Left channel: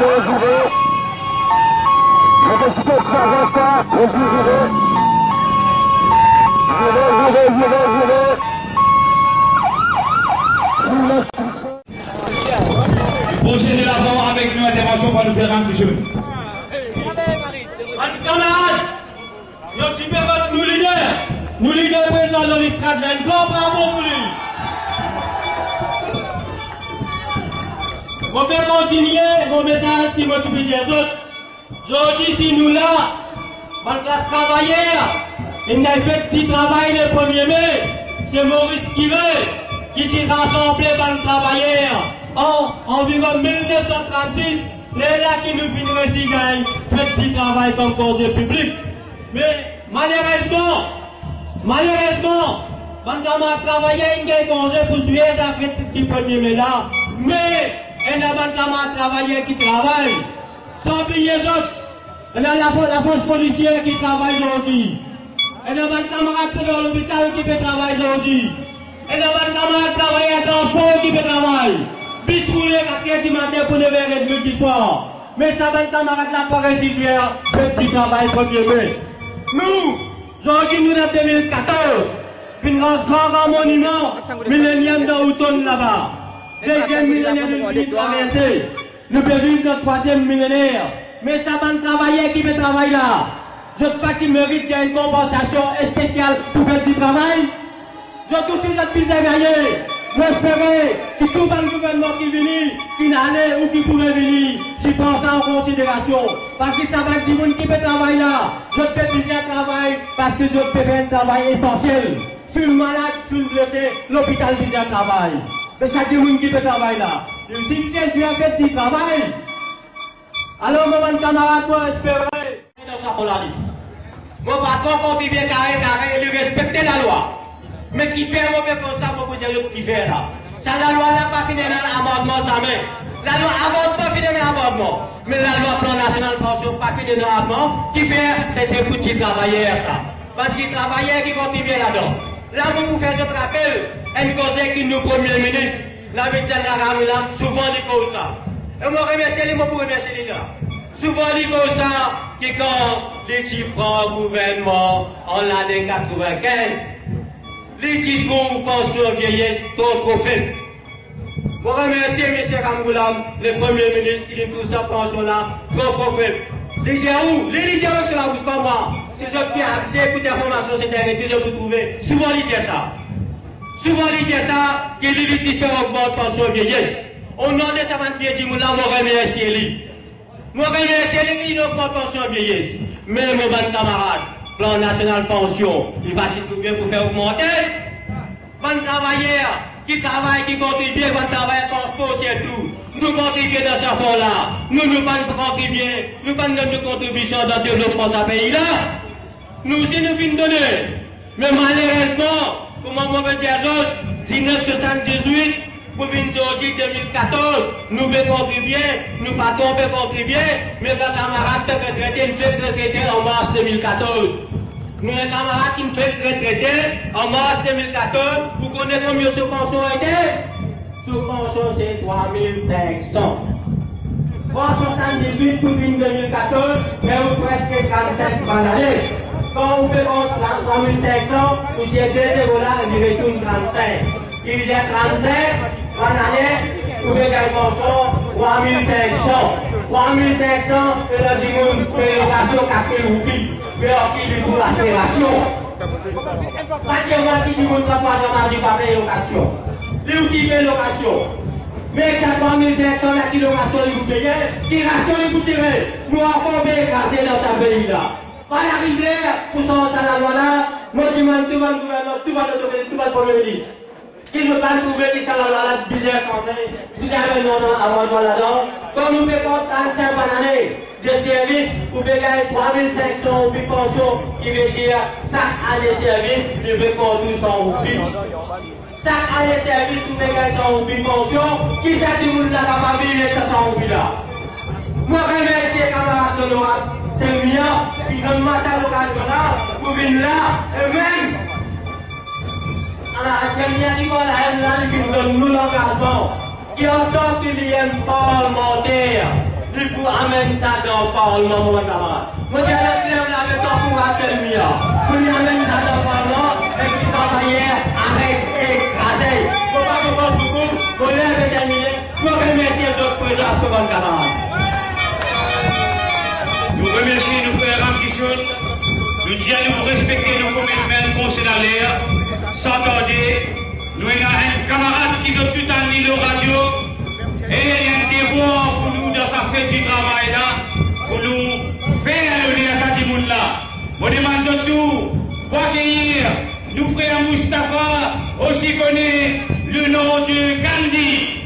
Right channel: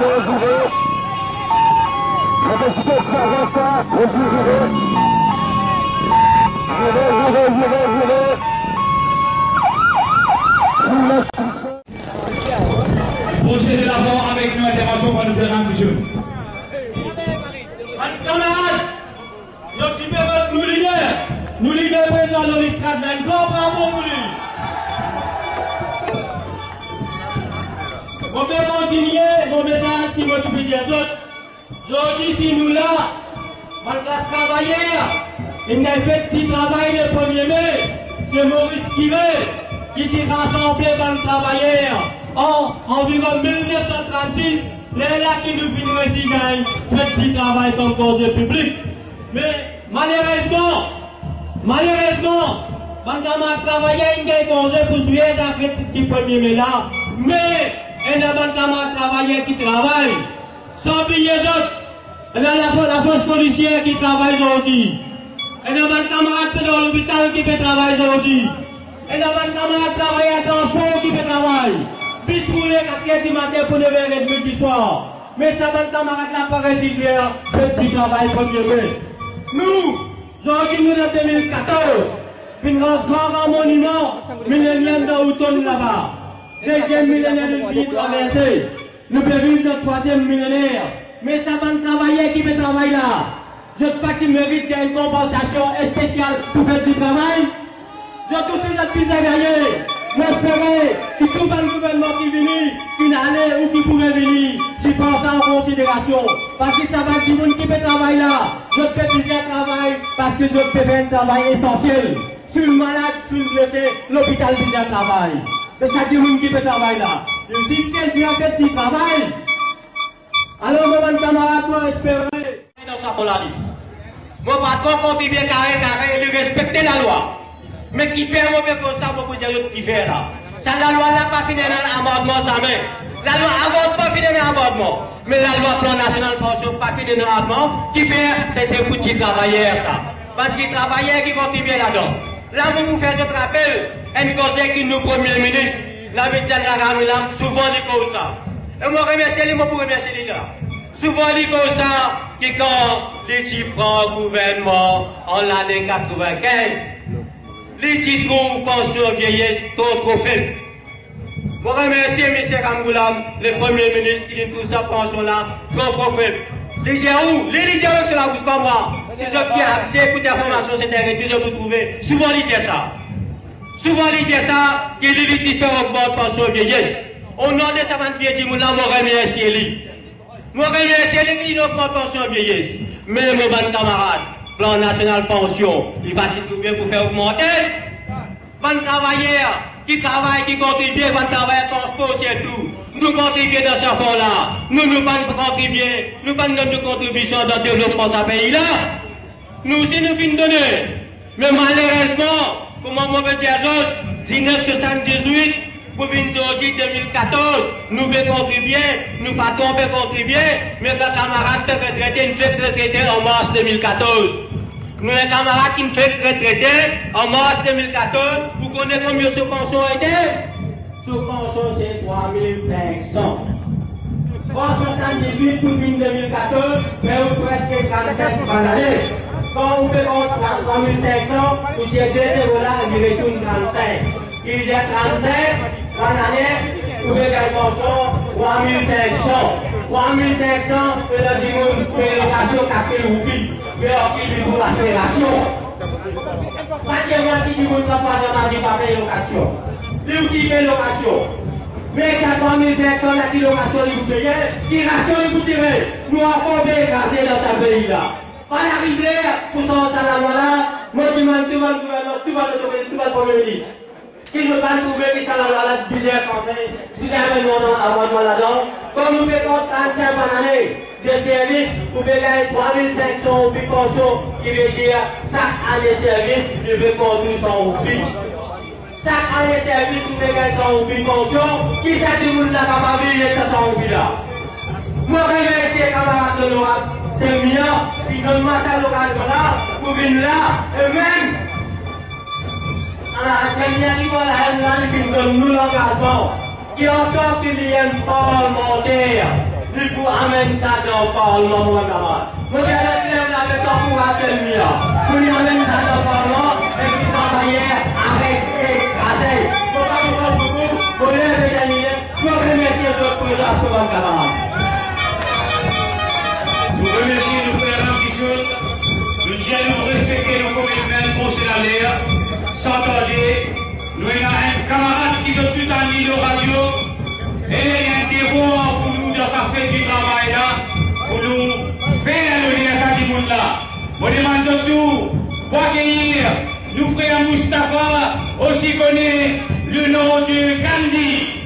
Procédez d'abord avec nous, intervention pour nous faire un petit jeu. Camarades, nous leaders présents dans l'Istrat bravo pour lui. On peut continuer mon message qui motive les autres. Aujourd'hui, si nous là, dans la classe travaillère, il n'a fait petit travail le 1er mai, c'est Maurice Kivé qui rassemblé dans le travailleur en environ 1936, les là qui nous finiraient si gagne, fait petit travail comme cause public. Mais malheureusement, quand on a travaillé, il y a congé pour suivre ça fait petit 1er mai là. Mais il y a des travailleurs qui travaillent. Sans oublier les autres, il y a la force policière qui travaille aujourd'hui. Il y a des camarades dans l'hôpital qui peut travailler aujourd'hui. Il y a des camarades travailler à transport qui peut travailler. Bis pour les 4h du matin pour 9h30 du soir. Mais ça va être camarades là pour réussir le petit travail 1er mai. Nous, aujourd'hui, nous en 2014, une grand monument, millénium de Houton là-bas. Deuxième millénaire de vie traversé. Nous pouvons vivre notre troisième millénaire. Mais ça va travailler qui peut travailler là. Je pas qui mérite une compensation spéciale pour faire du travail. Je tous ces autres qui ont gagné. J'espérais que tout le gouvernement qui vient, une année ou qui pourrait venir, je prends ça en considération. Parce que ça va dire qui peut travailler là. Je fais plusieurs travail parce que je peux faire un travail essentiel. Sur le malade, sur le blessé, l'hôpital plusieurs travail. Mais ça dit qui peut travailler là. Et si je suis en fait du travail, alors mon camarade doit espérer dans sa folie. Mon patron continue carré, il respecte la loi. Mais qui fait un mauvais comme ça, beaucoup de gens qui fait là. Ça, la loi n'a pas fini dans l'amendement, ça met. La loi avant pas fini dans l'amendement. Mais la loi plan national pension pas fini dans l'amendement. Qui fait, c'est pour petits travailleurs, ça. Petits travailleurs qui contribuent là-dedans. Là, vous faites ce rappel, un conseil qui nous premier ministre, la médiane la souvent dit comme ça. Et moi, remercie les mots pour remercier les gars. Souvent dit comme ça, qui quand les prend le gouvernement en l'année 95, les titres pension vieillesse trop faible. Je remercie M. Kamgoulam, le Premier ministre, qui dit tout ça, pension là, trop faible. Les gens où? Les gens sur la bouche, pas moi. Si vous écoutez l'information, c'est arrêté, je vous trouver. Souvent, ils disent ça. Souvent, ils disent ça, qu'il y a des augmente pension vieillesse. Au nom de sa vente vieille, je remercie lui. Je remercie lui qui augmente pension vieillesse. Mais mon bon camarade, plan national pension, il va s'y trouver pour faire augmenter. Van travailleurs qui travaillent, qui contribuent, van travailleurs transport, c'est tout. Nous contribuons dans ce fonds-là. Nous ne pas contribuer, nous pas de contribution dans le développement de ce pays-là. Nous aussi nous finissons donner. Mais malheureusement, comment on peut dire autres, 1978, pour venir aujourd'hui 2014, nous pouvons contribuer, nous pas tomber contribuer, mais les camarades peuvent retraiter, nous faisons retraiter en mars 2014. Nous, les camarades qui nous font retraiter en mars 2014, vous connaissez combien ce pension était? Ce pension, c'est 3500. 378 pour 2014, mais presque 35 par l'année. Quand vous faites 3500, vous êtes 2 euros là, il retourne 35. Il y a 35 par l'année, vous faites une pension 3500. 3500, et là, du monde, péréquation 4 roupies. Mais qui dit pour l'aspiration. Pas de moi qui dit pour ne pas payer location. Lui aussi paye location. Mais chaque 3500, la qui location, il vous paye, qui ration, il vous tire. Nous encore écrasés dans ce pays-là. Pas l'arrivée, pour ça, la loi là, moi, je demande tout le gouvernement, tout le premier ministre. Qui ne veut pas trouver qui ça la loi là, bizarre santé, si c'est un amendement là-dedans, comme nous payons 35 par année de services, vous payez 3500 roupies pension, qui veut dire chaque année de service, nous payons 1200 roupies. Chaque année de service, nous payons 100 roupies pension, qui ça dit vous n'avez pas vivre les 500 roupies là. Moi, je remercie les camarades de l'ORAP, c'est bien, qui donnent moi cette occasion là, pour venir là, et même, c'est bien qui va la qui nous donne nous l'engagement, qui entend qu'il y a un parlementaire il faut amener ça dans le Parlement, mon camarade. Moi, j'ai le problème avec l'encouragement de Mia. Pour lui amener ça dans le Parlement, et puis travailler avec écraser. Pour pas nous faire beaucoup, pour les déterminer, pour remercier les autres présents sur mon camarade. Nous remercions nos frères Ramkichoun. Nous disons nous respecter nos commitments considérés. Sans tarder, nous avons un camarade qui veut tout en ligne au radio. Et il y a un devoir pour nous dans sa fête du travail là, pour nous faire l'honneur à ce monde là. Je demande surtout pour accueillir nos frères Moustapha, aussi connu le nom de Gandhi.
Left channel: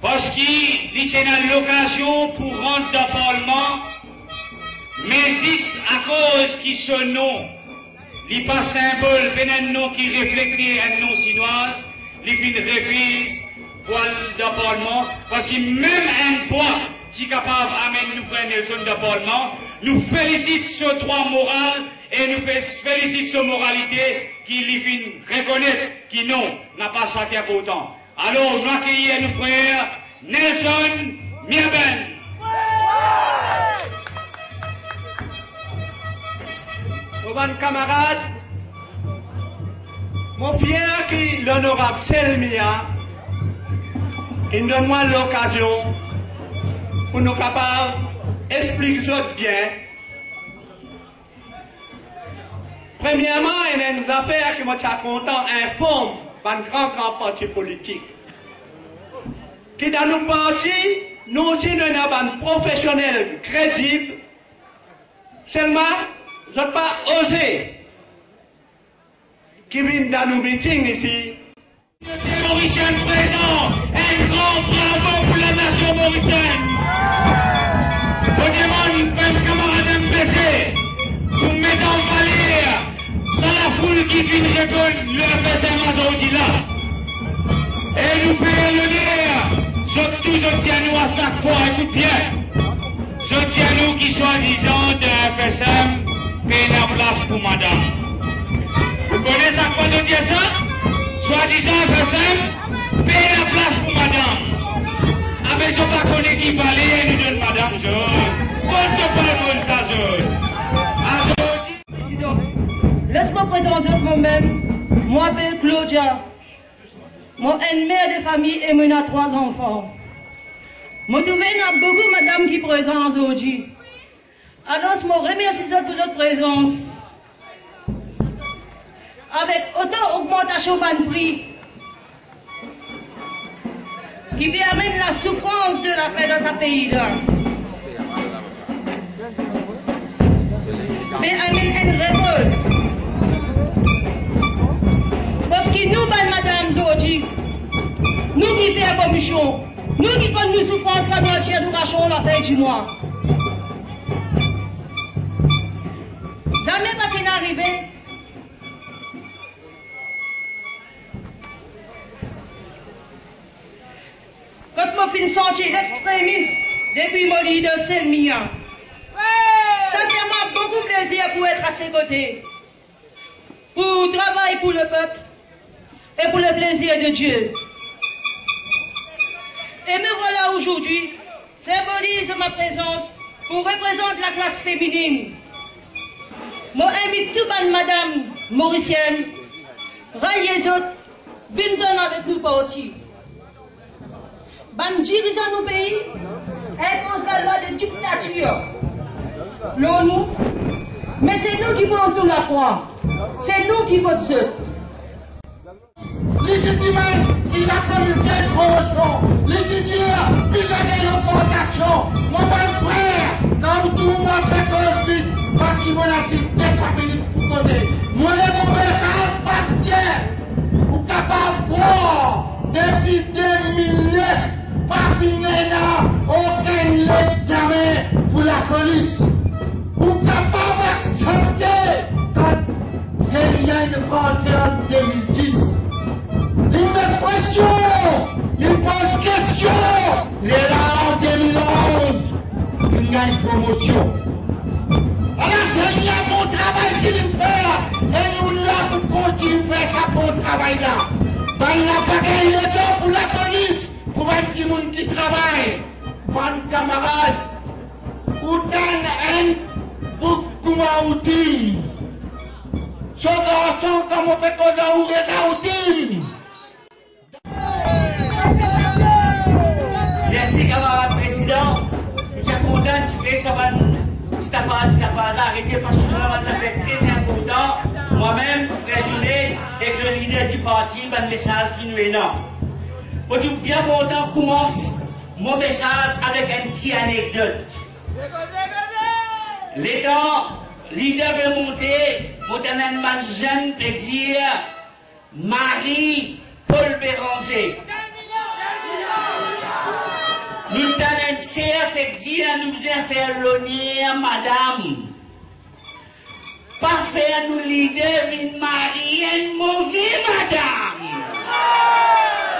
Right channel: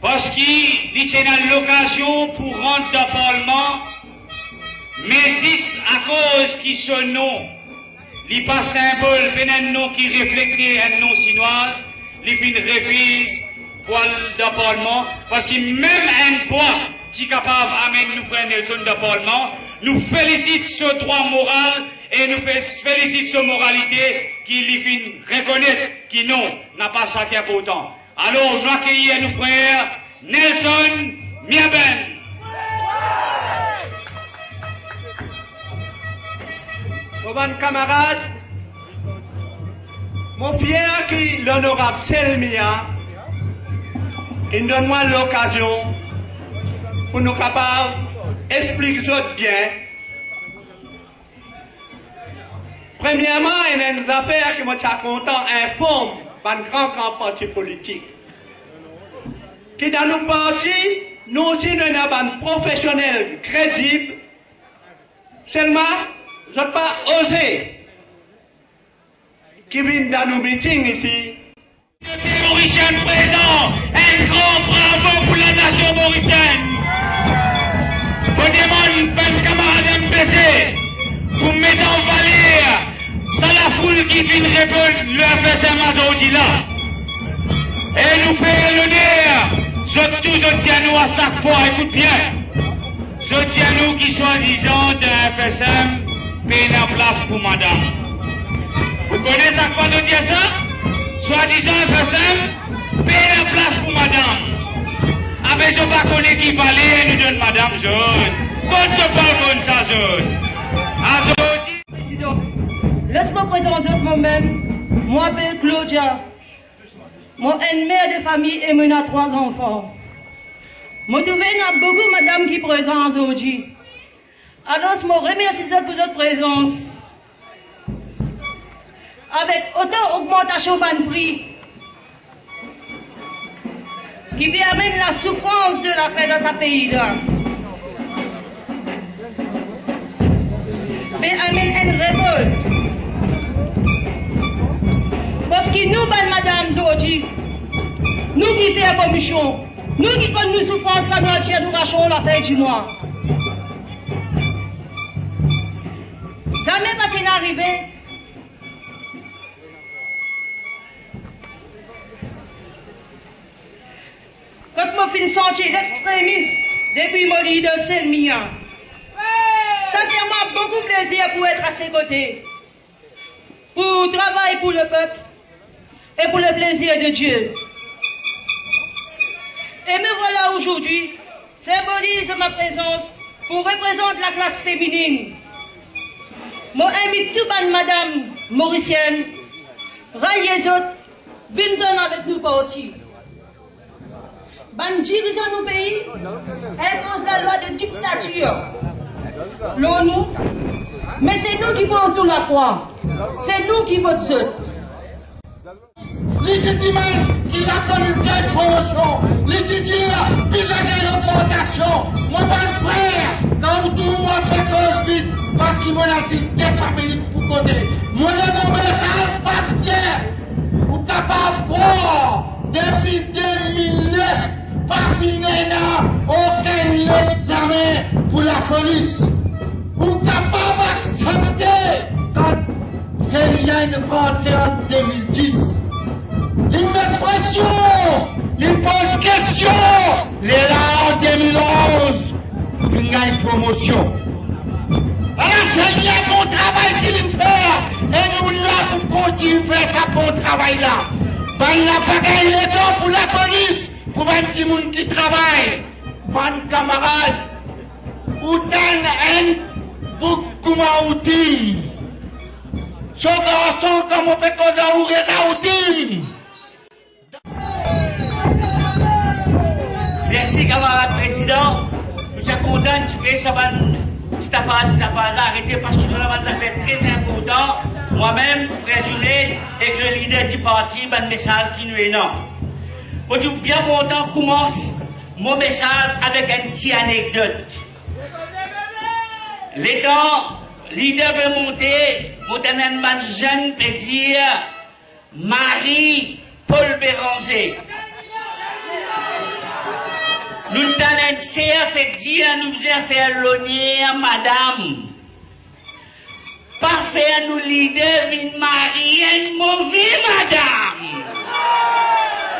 Parce qu'il y a l'occasion pour rentrer dans le Parlement, mais c'est à cause qui ce nom, il n'est pas symbole, mais un nom qui reflète un nom chinois, il fait une refuse pour le Parlement, parce que même une fois, si capable d'amener nous frère Nelson dans le Parlement, nous félicite ce droit moral et nous félicitons son moralité qui lui fait reconnaître qu'il n'a pas ça qui est important. Alors, nous accueillons nos frères Nelson Miaben. Mes camarades, mon fier qui l'honorable Selmia, il donne-moi l'occasion pour nous capables d'expliquer ça bien. Premièrement, il y a une affaire que moi je suis content informe par un grand parti politique. Qui dans nos partis, nous aussi nous avons un professionnel crédible. Seulement, je n'ai pas osé qui viennent dans nos meetings ici. Le Mauricien présent, un grand bravo pour la nation mauricienne. On demande un camarade MPC pour mettre en valeur ça la foule qui vient répondre le FSM aujourd'hui là. Et nous fait l'honneur, surtout je tiens nous à chaque fois, écoute bien, je tiens nous qui soi-disant d'un FSM paye la place pour madame. Vous connaissez à quoi je dis ça? Soi-disant FSM paye la place pour madame. Ah mais je ne sais pas connaître qu'il fallait, nous donne madame jaune. Quand je parle comme ça jaune. Président, laisse-moi présenter moi-même. Moi, je m'appelle Claudia. Moi, une mère de famille et moi, 3 enfants. Moi, trouve beaucoup madame qui présente aujourd'hui. Alors, je vous remercie pour votre présence. Avec autant d'augmentation de prix qui permet la souffrance de la paix dans ce pays-là. Mais amène une révolte. Parce que nous, madame aujourd'hui, nous qui faisons la commission, nous qui connaissons nos souffrances quand nous rachons la fin du mois. Ça n'a même pas fini d'arriver. Quand je finis de sentir l'extrémisme depuis mon leader Selmia, ça fait moi beaucoup plaisir pour être à ses côtés, pour travailler pour le peuple et pour le plaisir de Dieu. Et me voilà aujourd'hui, symbolise ma présence pour représenter la classe féminine. Moi, invite tout le monde, madame mauricienne, ralliez les autres, venez avec nous partir. Ban dirigeant nos pays impose la loi de dictature. L'ONU, mais c'est nous qui posons la croix. C'est nous qui votons. Légitimement, il a commis des promotions. Légitimement, puis j'ai des augmentations. Mon bon frère, quand tout le monde fait cause vite, parce qu'il m'a assisté par minute pour causer. Mon énorme message passe bien. Vous capable de voir, depuis 2009, pas fini aucun examen pour la police. Vous capable d'accepter quand c'est lien de rentrer en 2010. Il met pression, il pose question. Les là en 2011, il y a une promotion. Alors c'est lien bon travail qu'il fait. Et nous là, nous continuons à faire ça bon travail là. Ben la bagaille les dents pour la police. Pour un petit monde qui travaille, bon camarade, ou d'un un beaucoup outil. Ce garçon, comme on fait cause à ouvrir ça outil. Merci, camarade président. Nous sommes contents de faire ça. Si t'as pas arrêté parce que nous avons des affaires très importantes. Moi-même, frère Junet, et le leader du parti, un message qui nous est énorme. Aujourd'hui, bien content, commence mon message avec une petite anecdote. L'étant leader veut monter, un jeune peut dire Marie-Paul Béranger. Nous avons un fait dire, nous avons fait l'honneur, madame. Parfait, nous leader, une mariée, une mauvaise madame.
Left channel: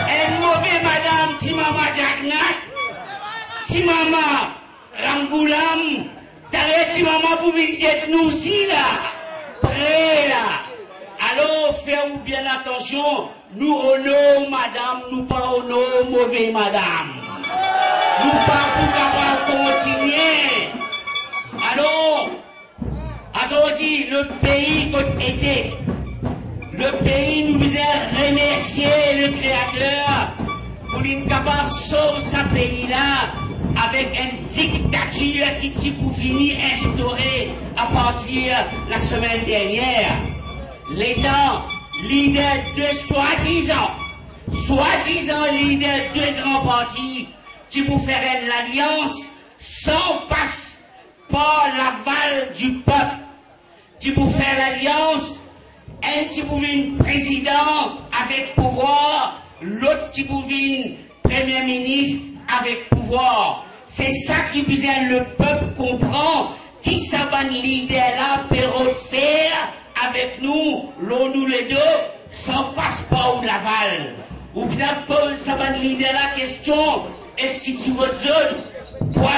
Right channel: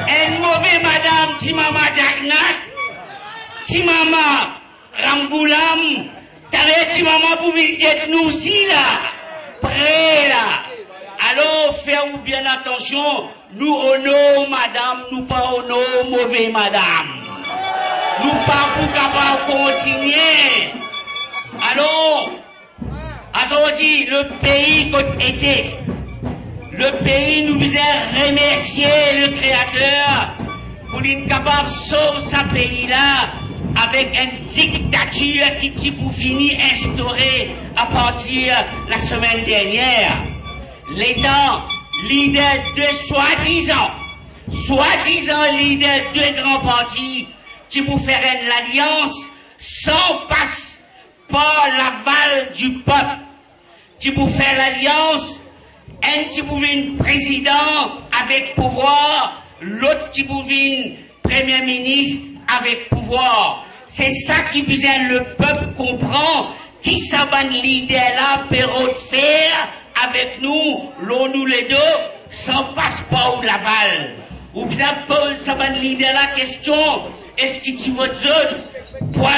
Une mauvaise madame, ti maman Jacknat, ti maman Ramboulam, t'avais ti maman pour venir nous aussi là. prêt là. Alors, faites-vous bien attention, nous honorons madame, nous pas honorons mauvais madame. Nous pas pour capable continuer. Alors, aujourd'hui, le pays qu'on était, le pays nous faisait remercier le Créateur pour être capable de sauver ce pays-là avec une dictature qui t'y pour finir instaurée à partir de la semaine dernière. L'État, leader de soi-disant leader de grands partis, qui pour faire une alliance sans passe par l'aval du peuple, qui pour faire l'alliance, un qui pour venir président avec pouvoir, l'autre qui pour venir premier ministre avec pouvoir. C'est ça qui besoin le peuple comprend, qui s'abonne leader là, Perrault de faire avec nous, l'on nous les deux, sans passeport ou l'aval. Ou bien Paul s'abonne leader la question, est-ce que tu votes autres pour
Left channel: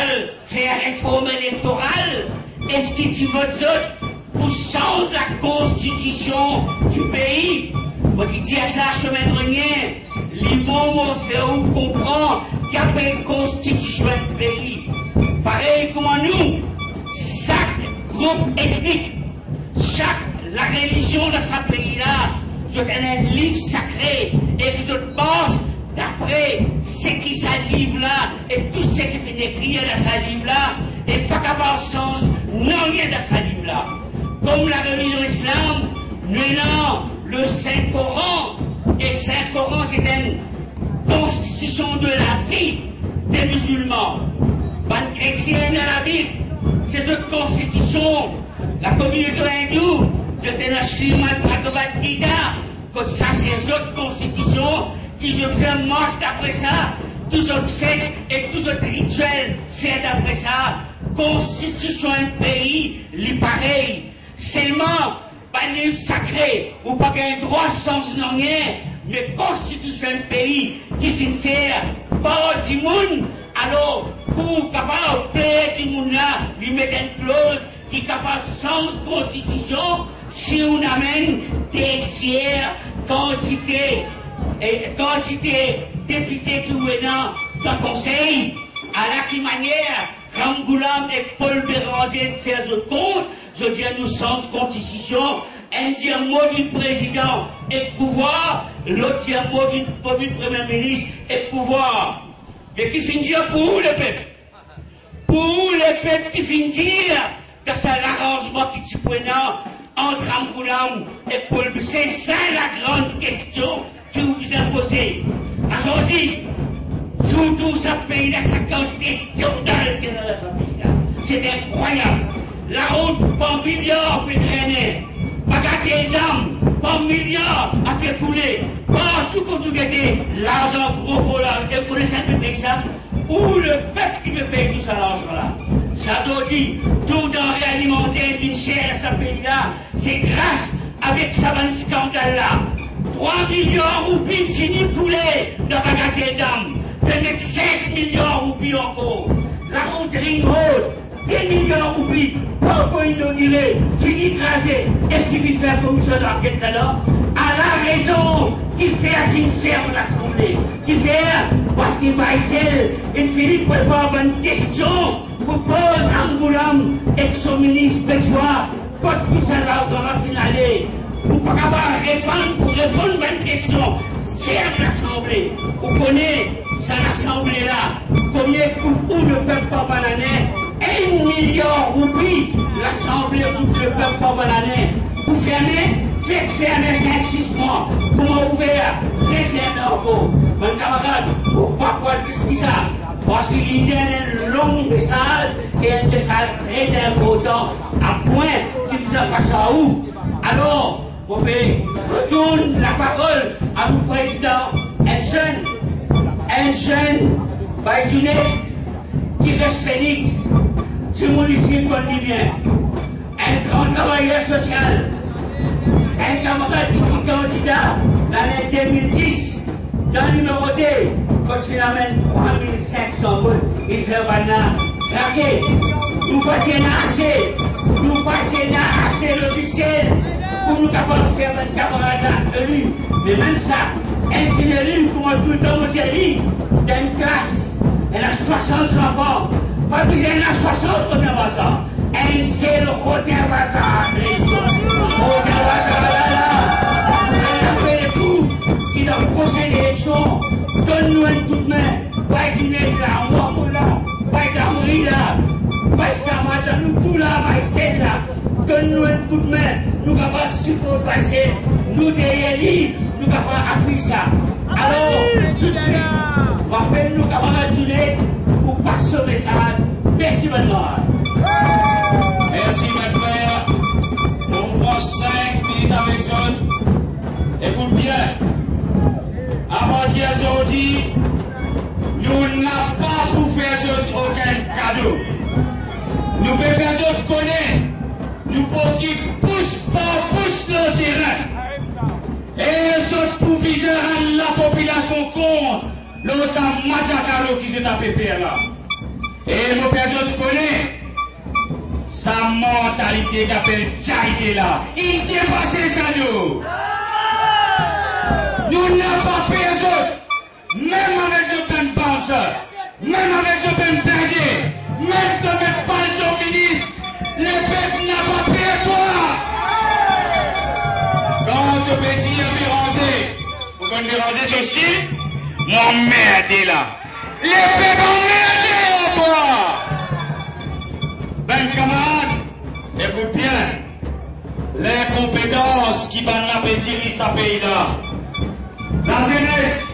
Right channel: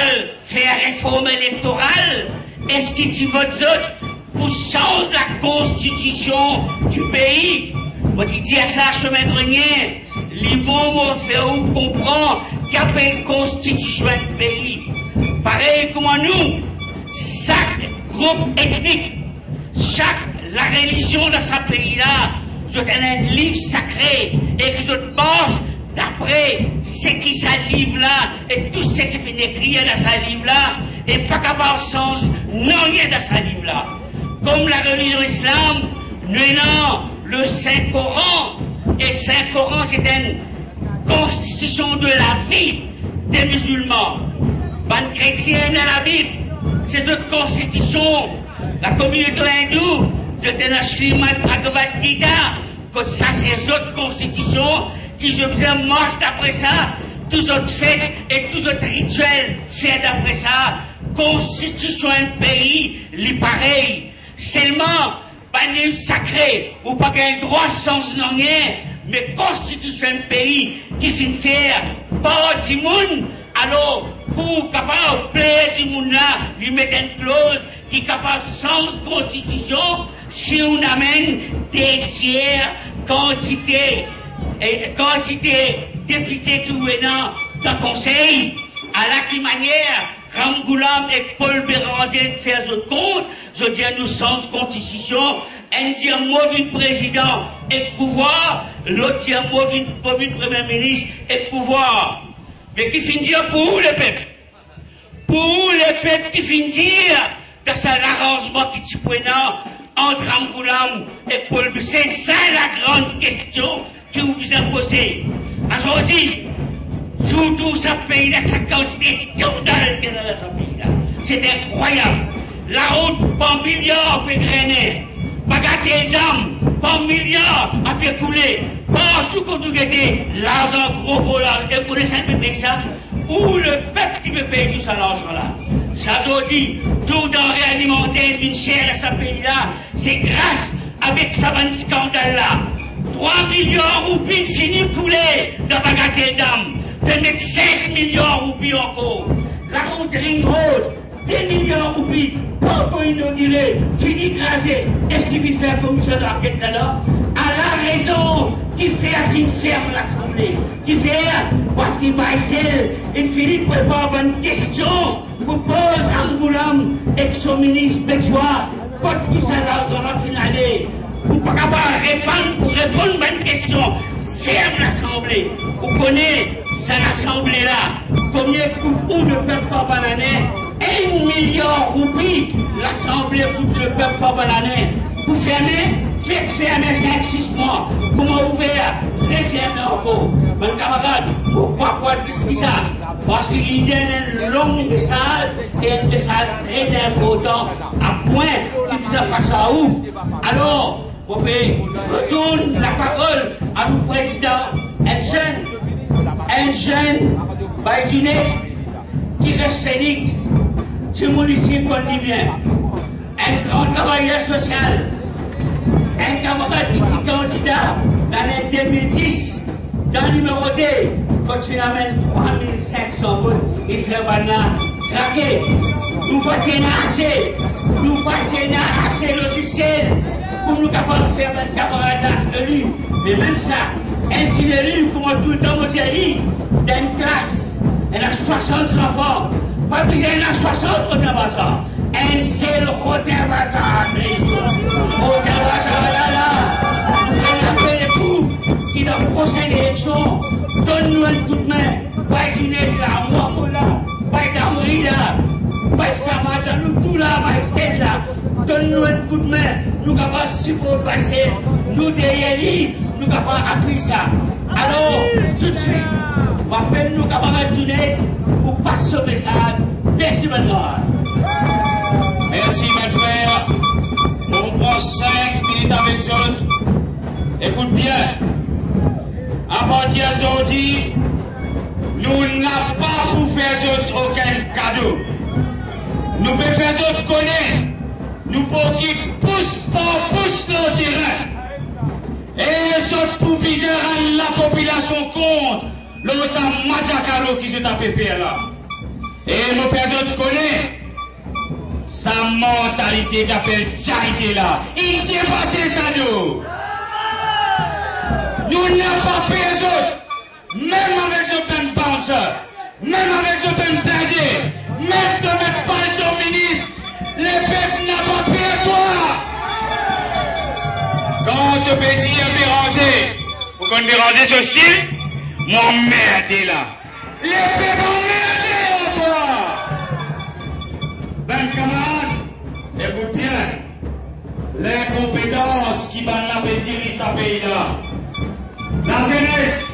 faire réforme électorale? Est-ce que tu votes autres pour changer la constitution du pays? Moi, tu dis à ça, chemin grenier, les mots m'ont fait ou comprendre qu'il y a une constitution du pays. Pareil comme nous, chaque groupe ethnique, la religion de ce pays-là, je donne un livre sacré et que je pense d'après ce qui ça livre-là et tout ce qui fait écrire dans ce livre-là et pas capable de changer non rien dans ce livre-là. Comme la religion islam, nous avons le Saint-Coran et le Saint-Coran c'est une constitution de la vie des musulmans. Ban chrétien dans la Bible, c'est cette constitution. La communauté hindoue, c'est un Srimad Bhagavad Gita, comme ça c'est autres constitutions qui je vous marche d'après ça, tous autres faits et tous autres rituels faits d'après ça. Constitution un pays, les pareil. Seulement, pas un livre sacré, ou pas qu'un droit sans rien, mais constitution un pays qui s'y fait par du monde, alors, pour capable de plaire du monde là, lui mettre une clause qui est capable sans constitution, si on amène des tiers quantité députés tout venant dans le conseil, à la qui manière, Ramgoulam et Paul Béranger faire ce compte, je dis nous sans constitution, un dit un mauvais président et pouvoir, l'autre dit un mauvais premier ministre et pouvoir. Mais qui finit dire pour où le peuple? Pour où le peuple qui finit dire dans l'arrangement qui tu prenant entre Ramgoulam et Paul Béranger? C'est ça la grande question que vous vous imposez. Aujourd'hui, surtout ce pays-là, ça cause des scandales dans ce pays-là. C'est incroyable. La route, par milliards, peut drainer. Bagatelle d'âme, par milliards, a pu couler. Partout qu'on nous gâte, l'argent gros pour l'argent. Et pour les ça peut payer ça. Ou le peuple qui peut payer tout ça, l'argent-là. Ça, aujourd'hui, tout denrée alimentaire, une chair à ce pays-là, c'est grâce avec ce scandale-là. 3 millions de roupies finis poulet dans Bagatelle d'âme. De mettre 5 millions de roupies encore. La route Ring Road, 10 millions de roupies. Pourquoi inauguré, fini crasé. Est-ce qu'il faut faire comme ça dans quel là? À la raison qui fait une ferme l'Assemblée. Qui fait parce qu'il va essayer, il finit pour avoir une question pour poser Ramgoulam et son ministre Béjois. Quand tout ça l'argent va finaler. Vous ne pouvez pas répondre à une question. Ferme l'Assemblée. Vous connaissez cette Assemblée-là. Combien coûte où le peuple par l'année? 1 milliard de roupies. L'Assemblée coûte le peuple par l'année. Vous fermez, faites fermer 5-6 mois. Comment ouvrir? Refermez encore. Mon camarade, pourquoi plus que ça? Parce qu'il y a un long message et un message très important à point qui vous a passé à où? Alors, on retourne la parole à nos présidents, un jeune Baïdounet qui reste phénix, du municipal libyen, un grand travailleur social, un camarade qui est candidat dans l'année 2010, dans le numéro 2, quand il amène 3500 votes, il fait maintenant craquer. Nous continuons assez. nous passer assez logiciel pour nous capables de faire un camarade élu. Mais même ça, un seul élu, comme tout le temps, on dit, dans une classe, elle a 60 enfants. Pas besoin de 60 au Bazar. Un seul Rotin Bazar. Rotin Bazar, là. Nous allons appeler les coups qui dans le prochaine élection. Donne-nous un coup de main. Pas dîner là, moi, là. Pas d'armerie là. Pas Samata, nous tout là, pas celle là. Donne-nous un coup de main. Nous n'avons pas support passer. Nous derrière lui, nous n'avons pas appris ça. Alors, tout de suite, rappelle-nous camarades Junet pour passer ce message. Merci, madame. Merci, mes frères. On vous prend 5 minutes avec vous. Écoute bien. À partir d'aujourd'hui, nous n'avons pas pour faire aucun cadeau. Nous pouvons faire autre connaître. Nous pouvons qui pousse le terrain. Et les autres pour piger la population compte. L'eau ça Madjakaro qui se tape faire là. Et nous faisons autre connaître. Sa mentalité d'appel charité là. Il dépasse ça nous. Nous n'avons pas payé les autres. Même avec ce plein bouncer. Même avec ce plein perdé. Même de mettre pas le ministre. Les peuples n'ont pas payé toi. Quand tu peux dire Béranger, vous connaissez Béranger ce style? Moi, merde là. Les peuples ont merdé au bois. Ben, camarades, écoute bien. L'incompétence qui va diriger ce pays-là. La jeunesse,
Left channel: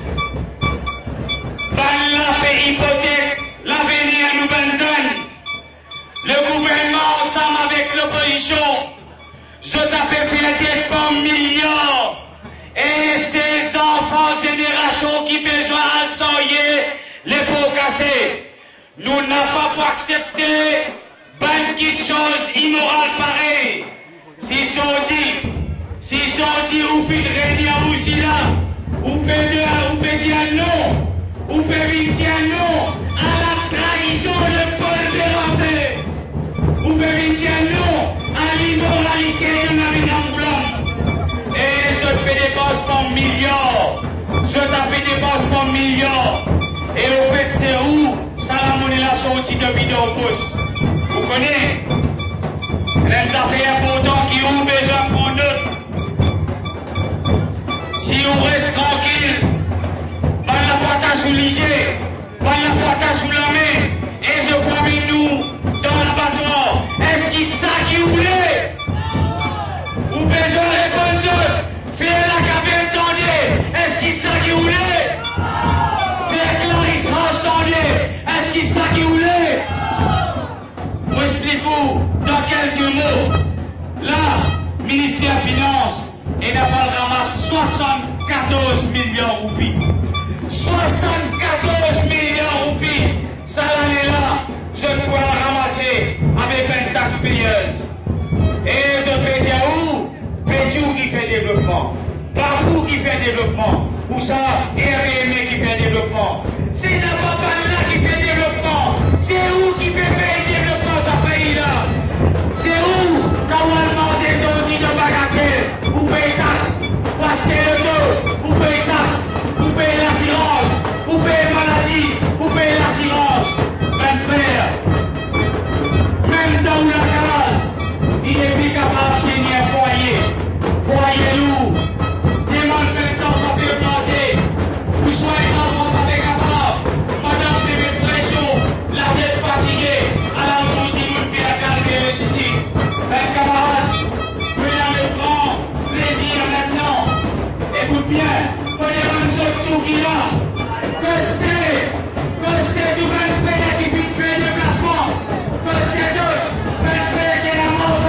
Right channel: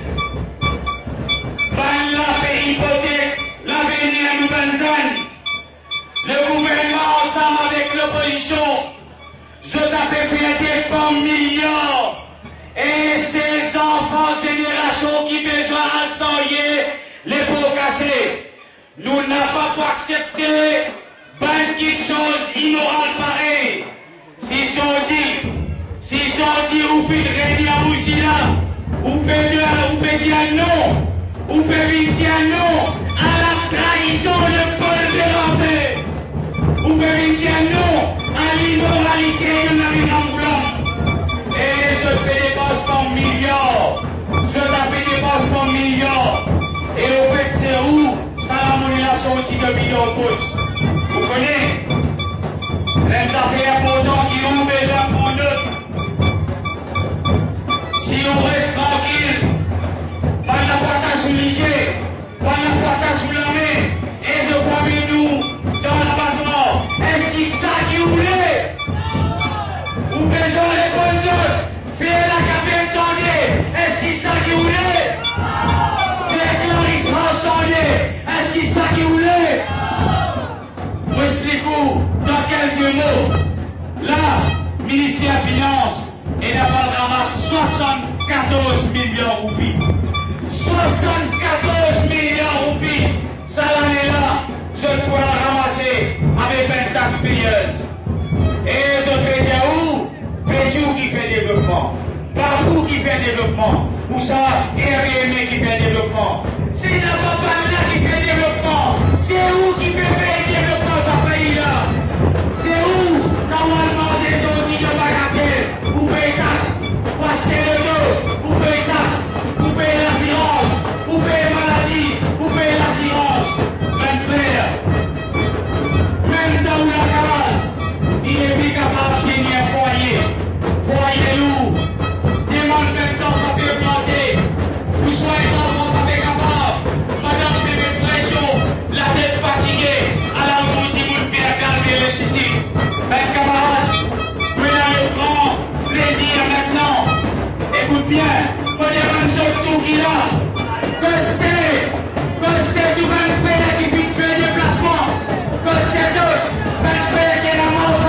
dans la fait hypothèque, l'avenir à nouvelle zone. Le gouvernement, ensemble avec l'opposition, je t'avais fait des pommes millions. Et ces enfants, générations qui besoin de soigner les pots cassés. Nous n'avons pas accepté une petite chose immorale pareille. Si j'en dis, ou fait régner à Moussila, ou peut dire non, ou peut dire non à la trahison de Paul Béranger, ou peut dire non à l'immoralité de Naminambulam. Et je fais des bosses pour millions, je tape des bosses pour millions, et au fait c'est où Salamoni l'a sorti de vidéo pouce. Vous connaissez? Les affaires pourtant qui ont besoin pour nous. Si on reste tranquille, pas la porte sous l'IG, pas la porte sous la main, et je promets nous dans l'abattoir, est-ce qu'il ça qui voulait? Ou besoin les bonnes choses, faire la cabine tendue, est-ce qu'il ça qui voulait? Faire Clarisse Roche tendue, est-ce qu'il ça qui voulait? Moi explique-vous dans quelques mots. Là, ministère des Finances, et d'abord ramasse 74 millions de roupies. 74 millions de roupies. Ça l'année-là, je pourrais ramasser avec une taxe payeuse. Et je peux dire où? Pédiou qui fait développement. Partout qui fait développement. Ou ça, RME qui fait développement. C'est d'abord pas là qui fait développement. C'est où qui fait payer développement ce pays-là? C'est où? Quand on mange des outils de bagatelle, vous payez taxe, vous achetez le dos, vous payez taxe, vous payez l'assurance, vous payez maladie, vous payez l'assurance. Ben frère, même dans la case, il est plus capable de tenir un foyer. Foyer lourd, demande 500, ça peut planter. Vous soyez les enfants pas capables. Madame fait une pression, la tête fatiguée, alors vous dites vous ne faites calmer le suicide. Ben camarades, vous avez le grand plaisir maintenant. Écoute bien, prenez un tout qui là. Costez du ben frère qui fait déplacement. Costez autres, ben frère qui est la mort.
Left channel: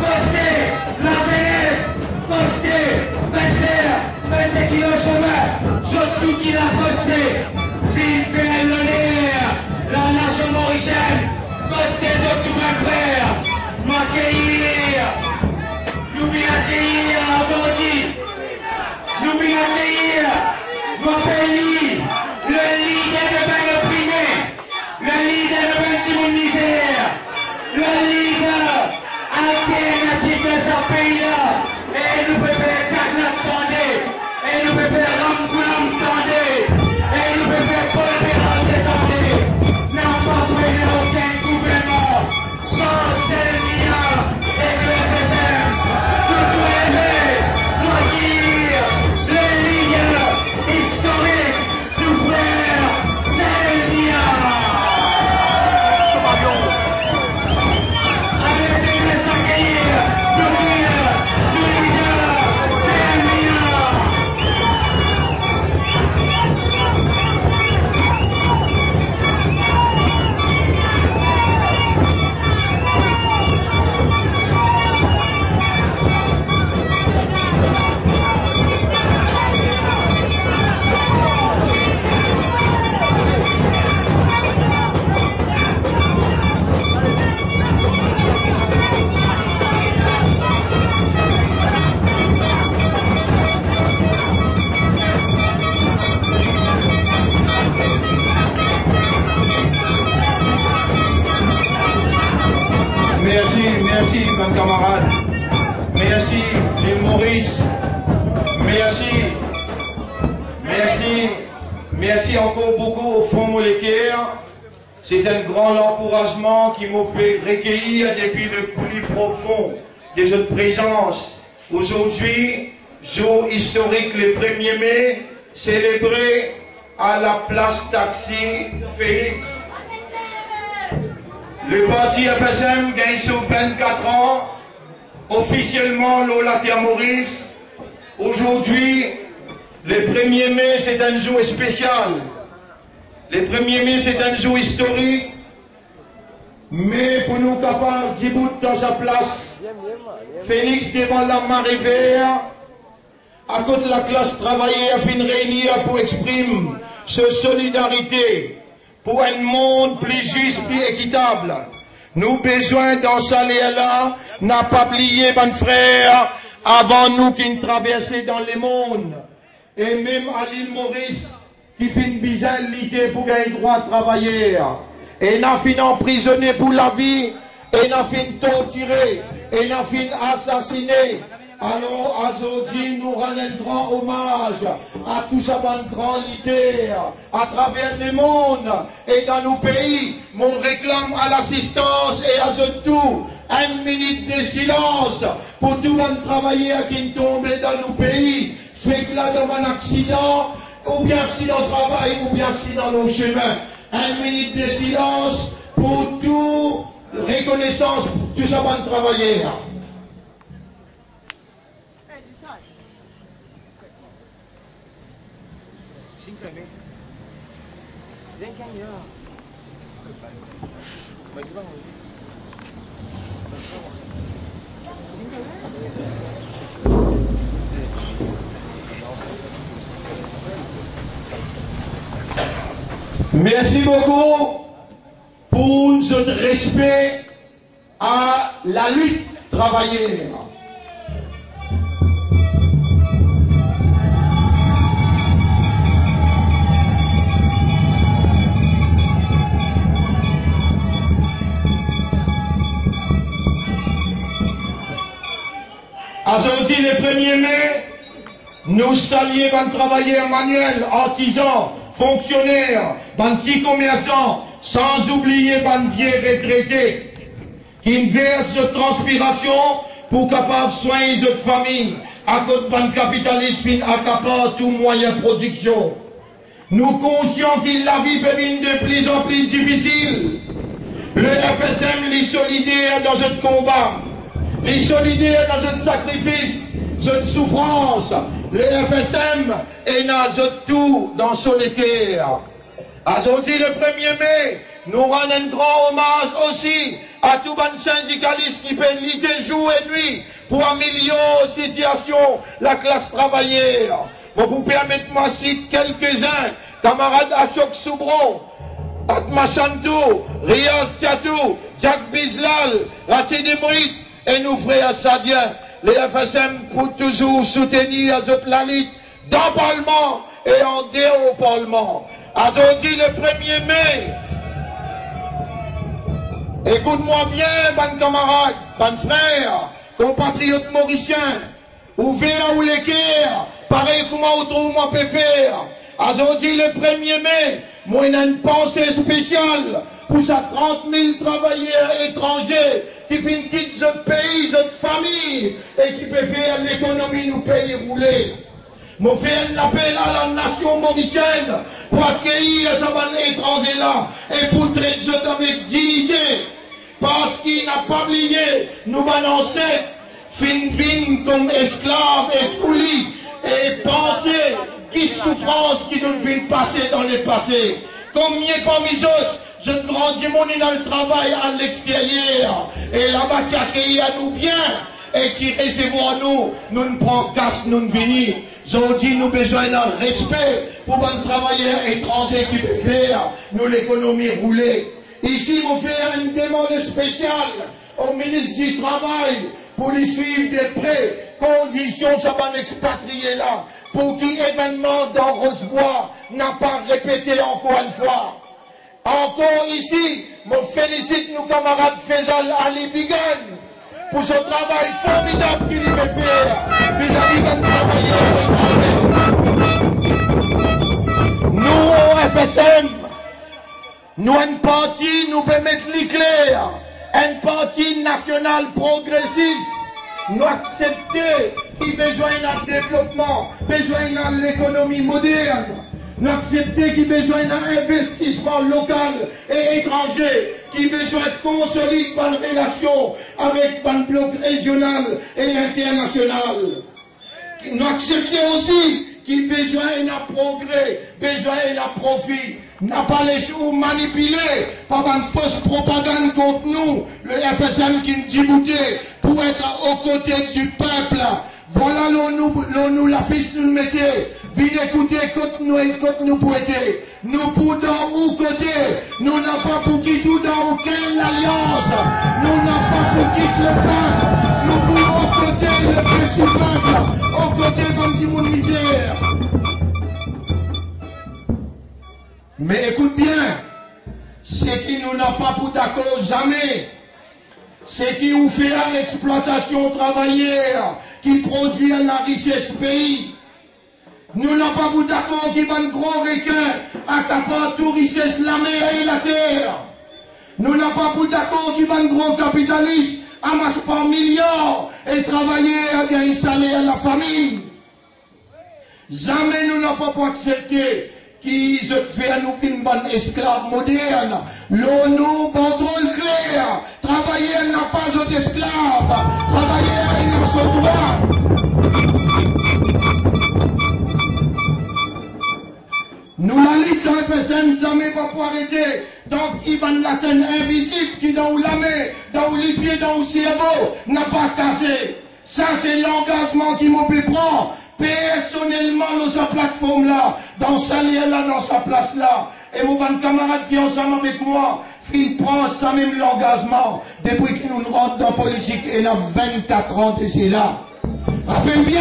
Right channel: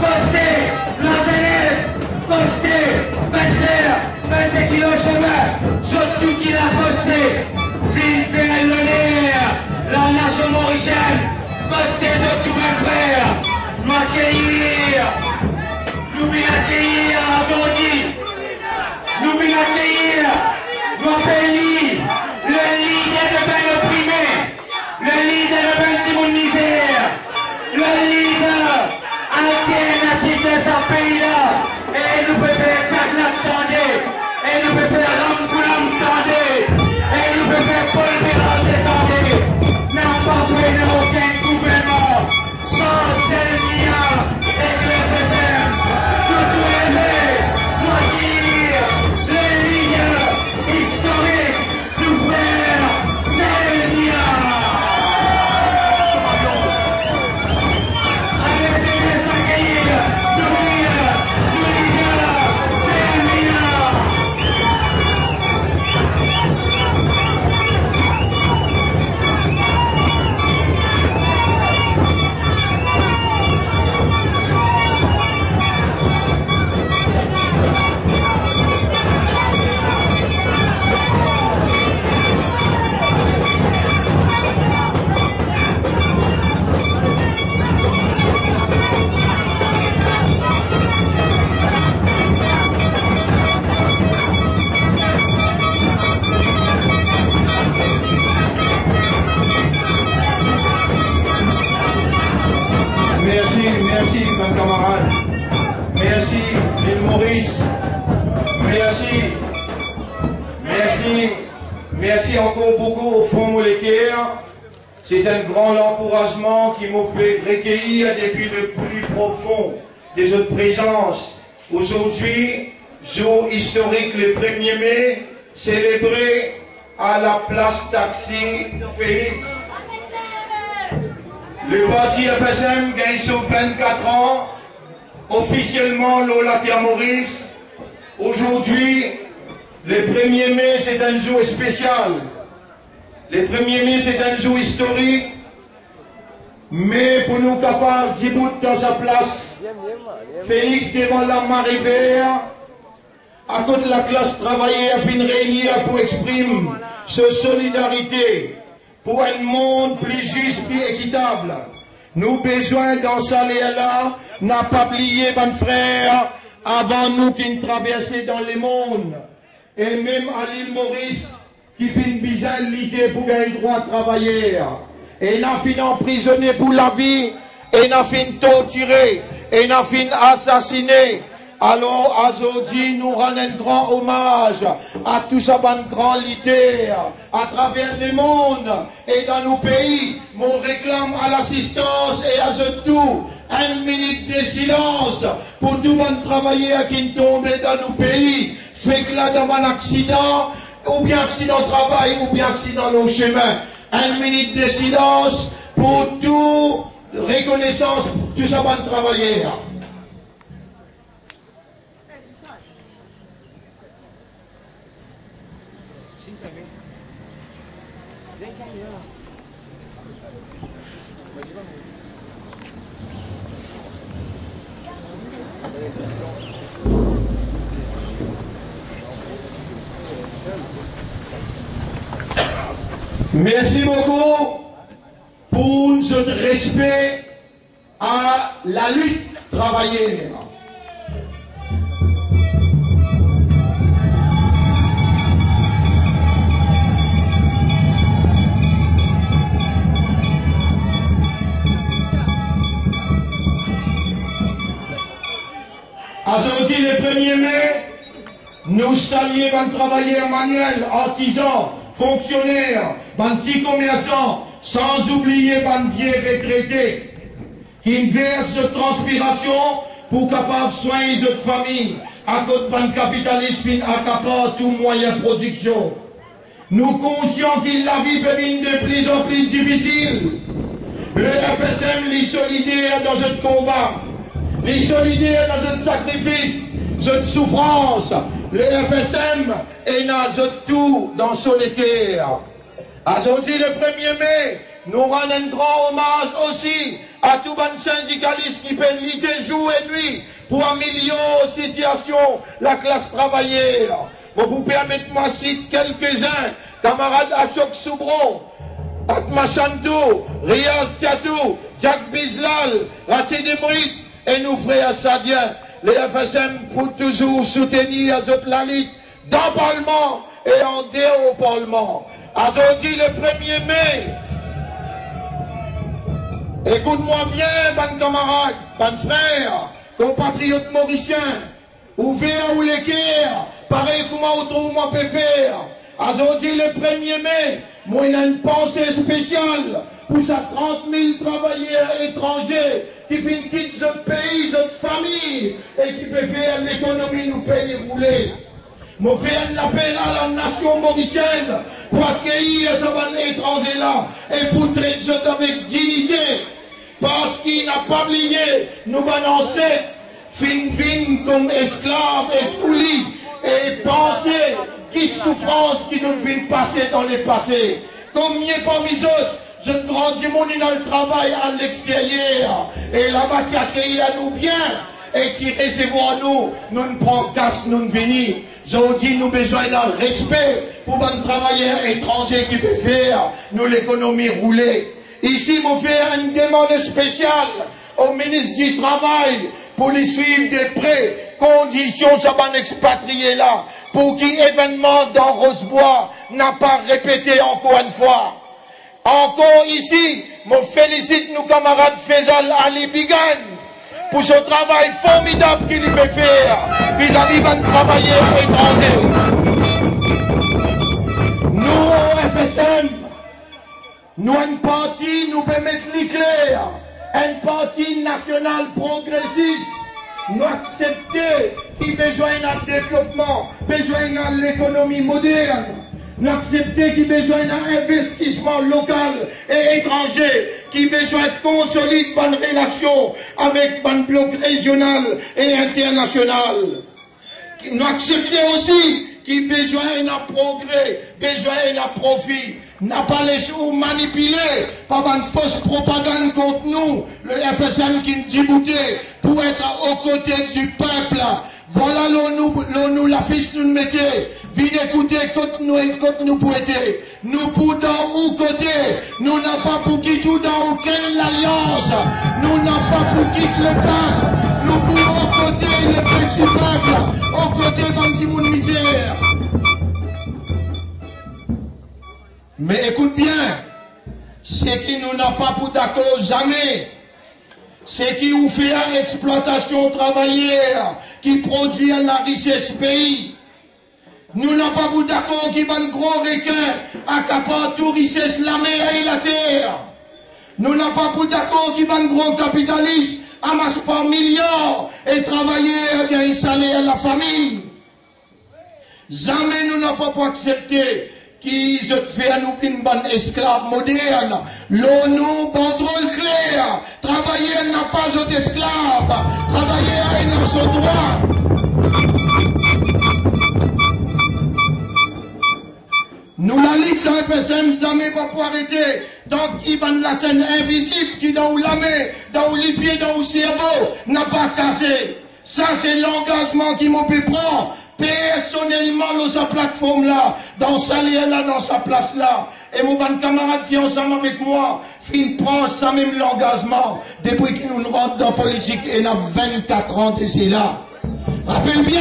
Costez la jeunesse. Costez, ben frère, 25 kilos chemin. Surtout qui l'a costé. Ville fait l'honneur, la nation mauricienne. Costez autres, ben frère. Nous accueillir aujourd'hui, nous accueillir nos pays, le leader de ben opprimé, le leader de ben Timon misère, le leader Merci, mes camarades. Merci, l'île Maurice. Merci. Merci. Merci encore beaucoup au Fonds moléculaire. C'est un grand encouragement qui m'a fait recueillir depuis le plus profond de votre présence. Aujourd'hui, jour historique le 1er mai, célébré à la place Taxi Félix. Le parti FSM gagne sur 24 ans, officiellement l'Olatia Maurice. Aujourd'hui, le 1er mai, c'est un jour spécial. Le 1er mai, c'est un jour historique. Mais pour nous capables d'y bout dans sa place, Félix devant la marée verte, à côté de la classe travaillée, a fait une réunion pour exprimer sa solidarité pour un monde plus juste, plus équitable. Nous besoin dans ça là, n'a pas oublié, mon frère, avant nous qui traversaient dans le monde. Et même à l'île Maurice, qui fait une bizarre l'idée pour gagner le droit de travailler. Et n'a fini emprisonné pour la vie, et n'a fini torturé, et n'a fini assassiné. Alors, aujourd'hui, nous rendons un grand hommage à tous ces grands leaders à travers le monde et dans nos pays. Mon réclame à l'assistance et à ce tout 1 minute de silence pour tout le monde travailler qui tombe dans nos pays. Fait que là, dans un accident, ou bien accident de travail, ou bien accident dans nos chemins. 1 minute de silence pour tout reconnaissance pour tous ces travailleurs. Merci beaucoup pour votre respect à la lutte travaillée. Aujourd'hui, le 1er mai, nous saluons les travailleurs manuels, artisans, fonctionnaires, les petits commerçants, sans oublier les vieux retraités, qui versent de transpiration pour capable soigner notre famille, à cause de capitalisme qui accapare tout moyen de production. Nous conscients que la vie peut devenir de plus en plus difficile. Le FSM est solidaire dans notre combat. Les solidaires dans notre sacrifice, notre souffrance. Le FSM est dans tout dans solitaire. Aujourd'hui, le 1er mai, nous rendons un grand hommage aussi à tous les syndicalistes qui peuvent lutter jour et nuit pour améliorer la situation de la classe travaillère. Bon, vous permettez-moi de citer quelques-uns, camarades Ashok Soubron, Atma Chantou, Riaz Tiatou, Jack Bizlal, Racine Emrit, et nous frères Sadiens, les FSM pour toujours soutenir la lutte dans le Parlement et en dehors du Parlement. Aujourd'hui, le 1er mai, écoute-moi bien, bonnes camarades, bonnes frères, compatriotes mauriciens, ouverts ou l'équerre, pareil comment autrement peut faire. Aujourd'hui, le 1er mai, moi, j'ai une pensée spéciale pour ces 30 000 travailleurs étrangers qui finissent quitter notre pays, notre famille, et qui peuvent faire l'économie nous pays rouler. Moi, fais un appel à la nation mauricienne pour accueillir ces étrangers-là et pour traiter ça avec dignité. Parce qu'il n'a pas oublié, nous balancer, fin comme esclaves et coulis, et penser qui souffrance qui nous vient passer dans le passé. Combien parmi eux, je grandis mon dans le travail à l'extérieur, et là-bas qui accueille à nous bien, et qui recevoir nous, nous ne prenons casse, nous ne venons. Aujourd'hui, nous avons besoin d'un respect pour les travailleurs étrangers qui peuvent faire nous l'économie rouler. Ici, vous faites une demande spéciale au ministre du Travail pour les suivre de près, conditions ça va expatrier là, pour qu'il événement dans Rosebois n'a pas répété encore une fois. Encore ici, je félicite nos camarades Faisal Ali Bigan pour ce travail formidable qu'il peut faire vis-à-vis de travailleurs étrangers. Nous, au FSM, nous, un parti, nous pouvons mettre l'éclair, un parti national progressiste, nous accepter qu'il a besoin d'un développement, besoin de l'économie moderne, nous accepter qu'il a besoin d'un investissement local et étranger, qui a besoin de consolider bonnes relations avec un bloc régional et international. Nous accepter aussi qu'il a besoin d'un progrès, besoin d'un profit. N'a pas laissé ou manipuler par une fausse propagande contre nous, le FSM qui nous dit pour être aux côtés du peuple. Voilà nous la fils nous mettez. Venez écouter quand nous pour aider. Nous pour dans où côté. Nous n'avons pas pour quitter tout dans aucune alliance. Nous n'avons pas pour quitter le peuple. Nous pour aux côtés le petit peuple. Aux côtés comme du monde misère. Mais écoute bien, ce qui nous n'a pas pour d'accord jamais, c'est qui nous fait l'exploitation travaillère, qui produit la richesse pays. Nous n'avons pas pour d'accord qui va un gros requin accapare toute richesse la mer et la terre. Nous n'avons pas pour d'accord qui va un gros capitaliste amasse par milliards et travailler gagner salaire à la famille. Jamais nous n'avons pas pour accepter qui se fait à nous une bonne esclave moderne. L'ONU, banderole claire. Travailler n'a pas d'autre esclave. Travailler n'a son droit. Nous la ligue dans FSM, jamais pas pour arrêter. Donc, il va la scène invisible qui dans la main, dans les pieds, dans le cerveau, n'a pas cassé. Ça, c'est l'engagement qui m'a pu prendre. Personnellement, dans sa plateforme là, dans sa ligne là, dans sa place là. Et mon bon camarade qui est ensemble avec moi, il prend ça même l'engagement. Depuis qu'il nous rentre dans la politique, et il a 24 ans et c'est là. Rappelle bien,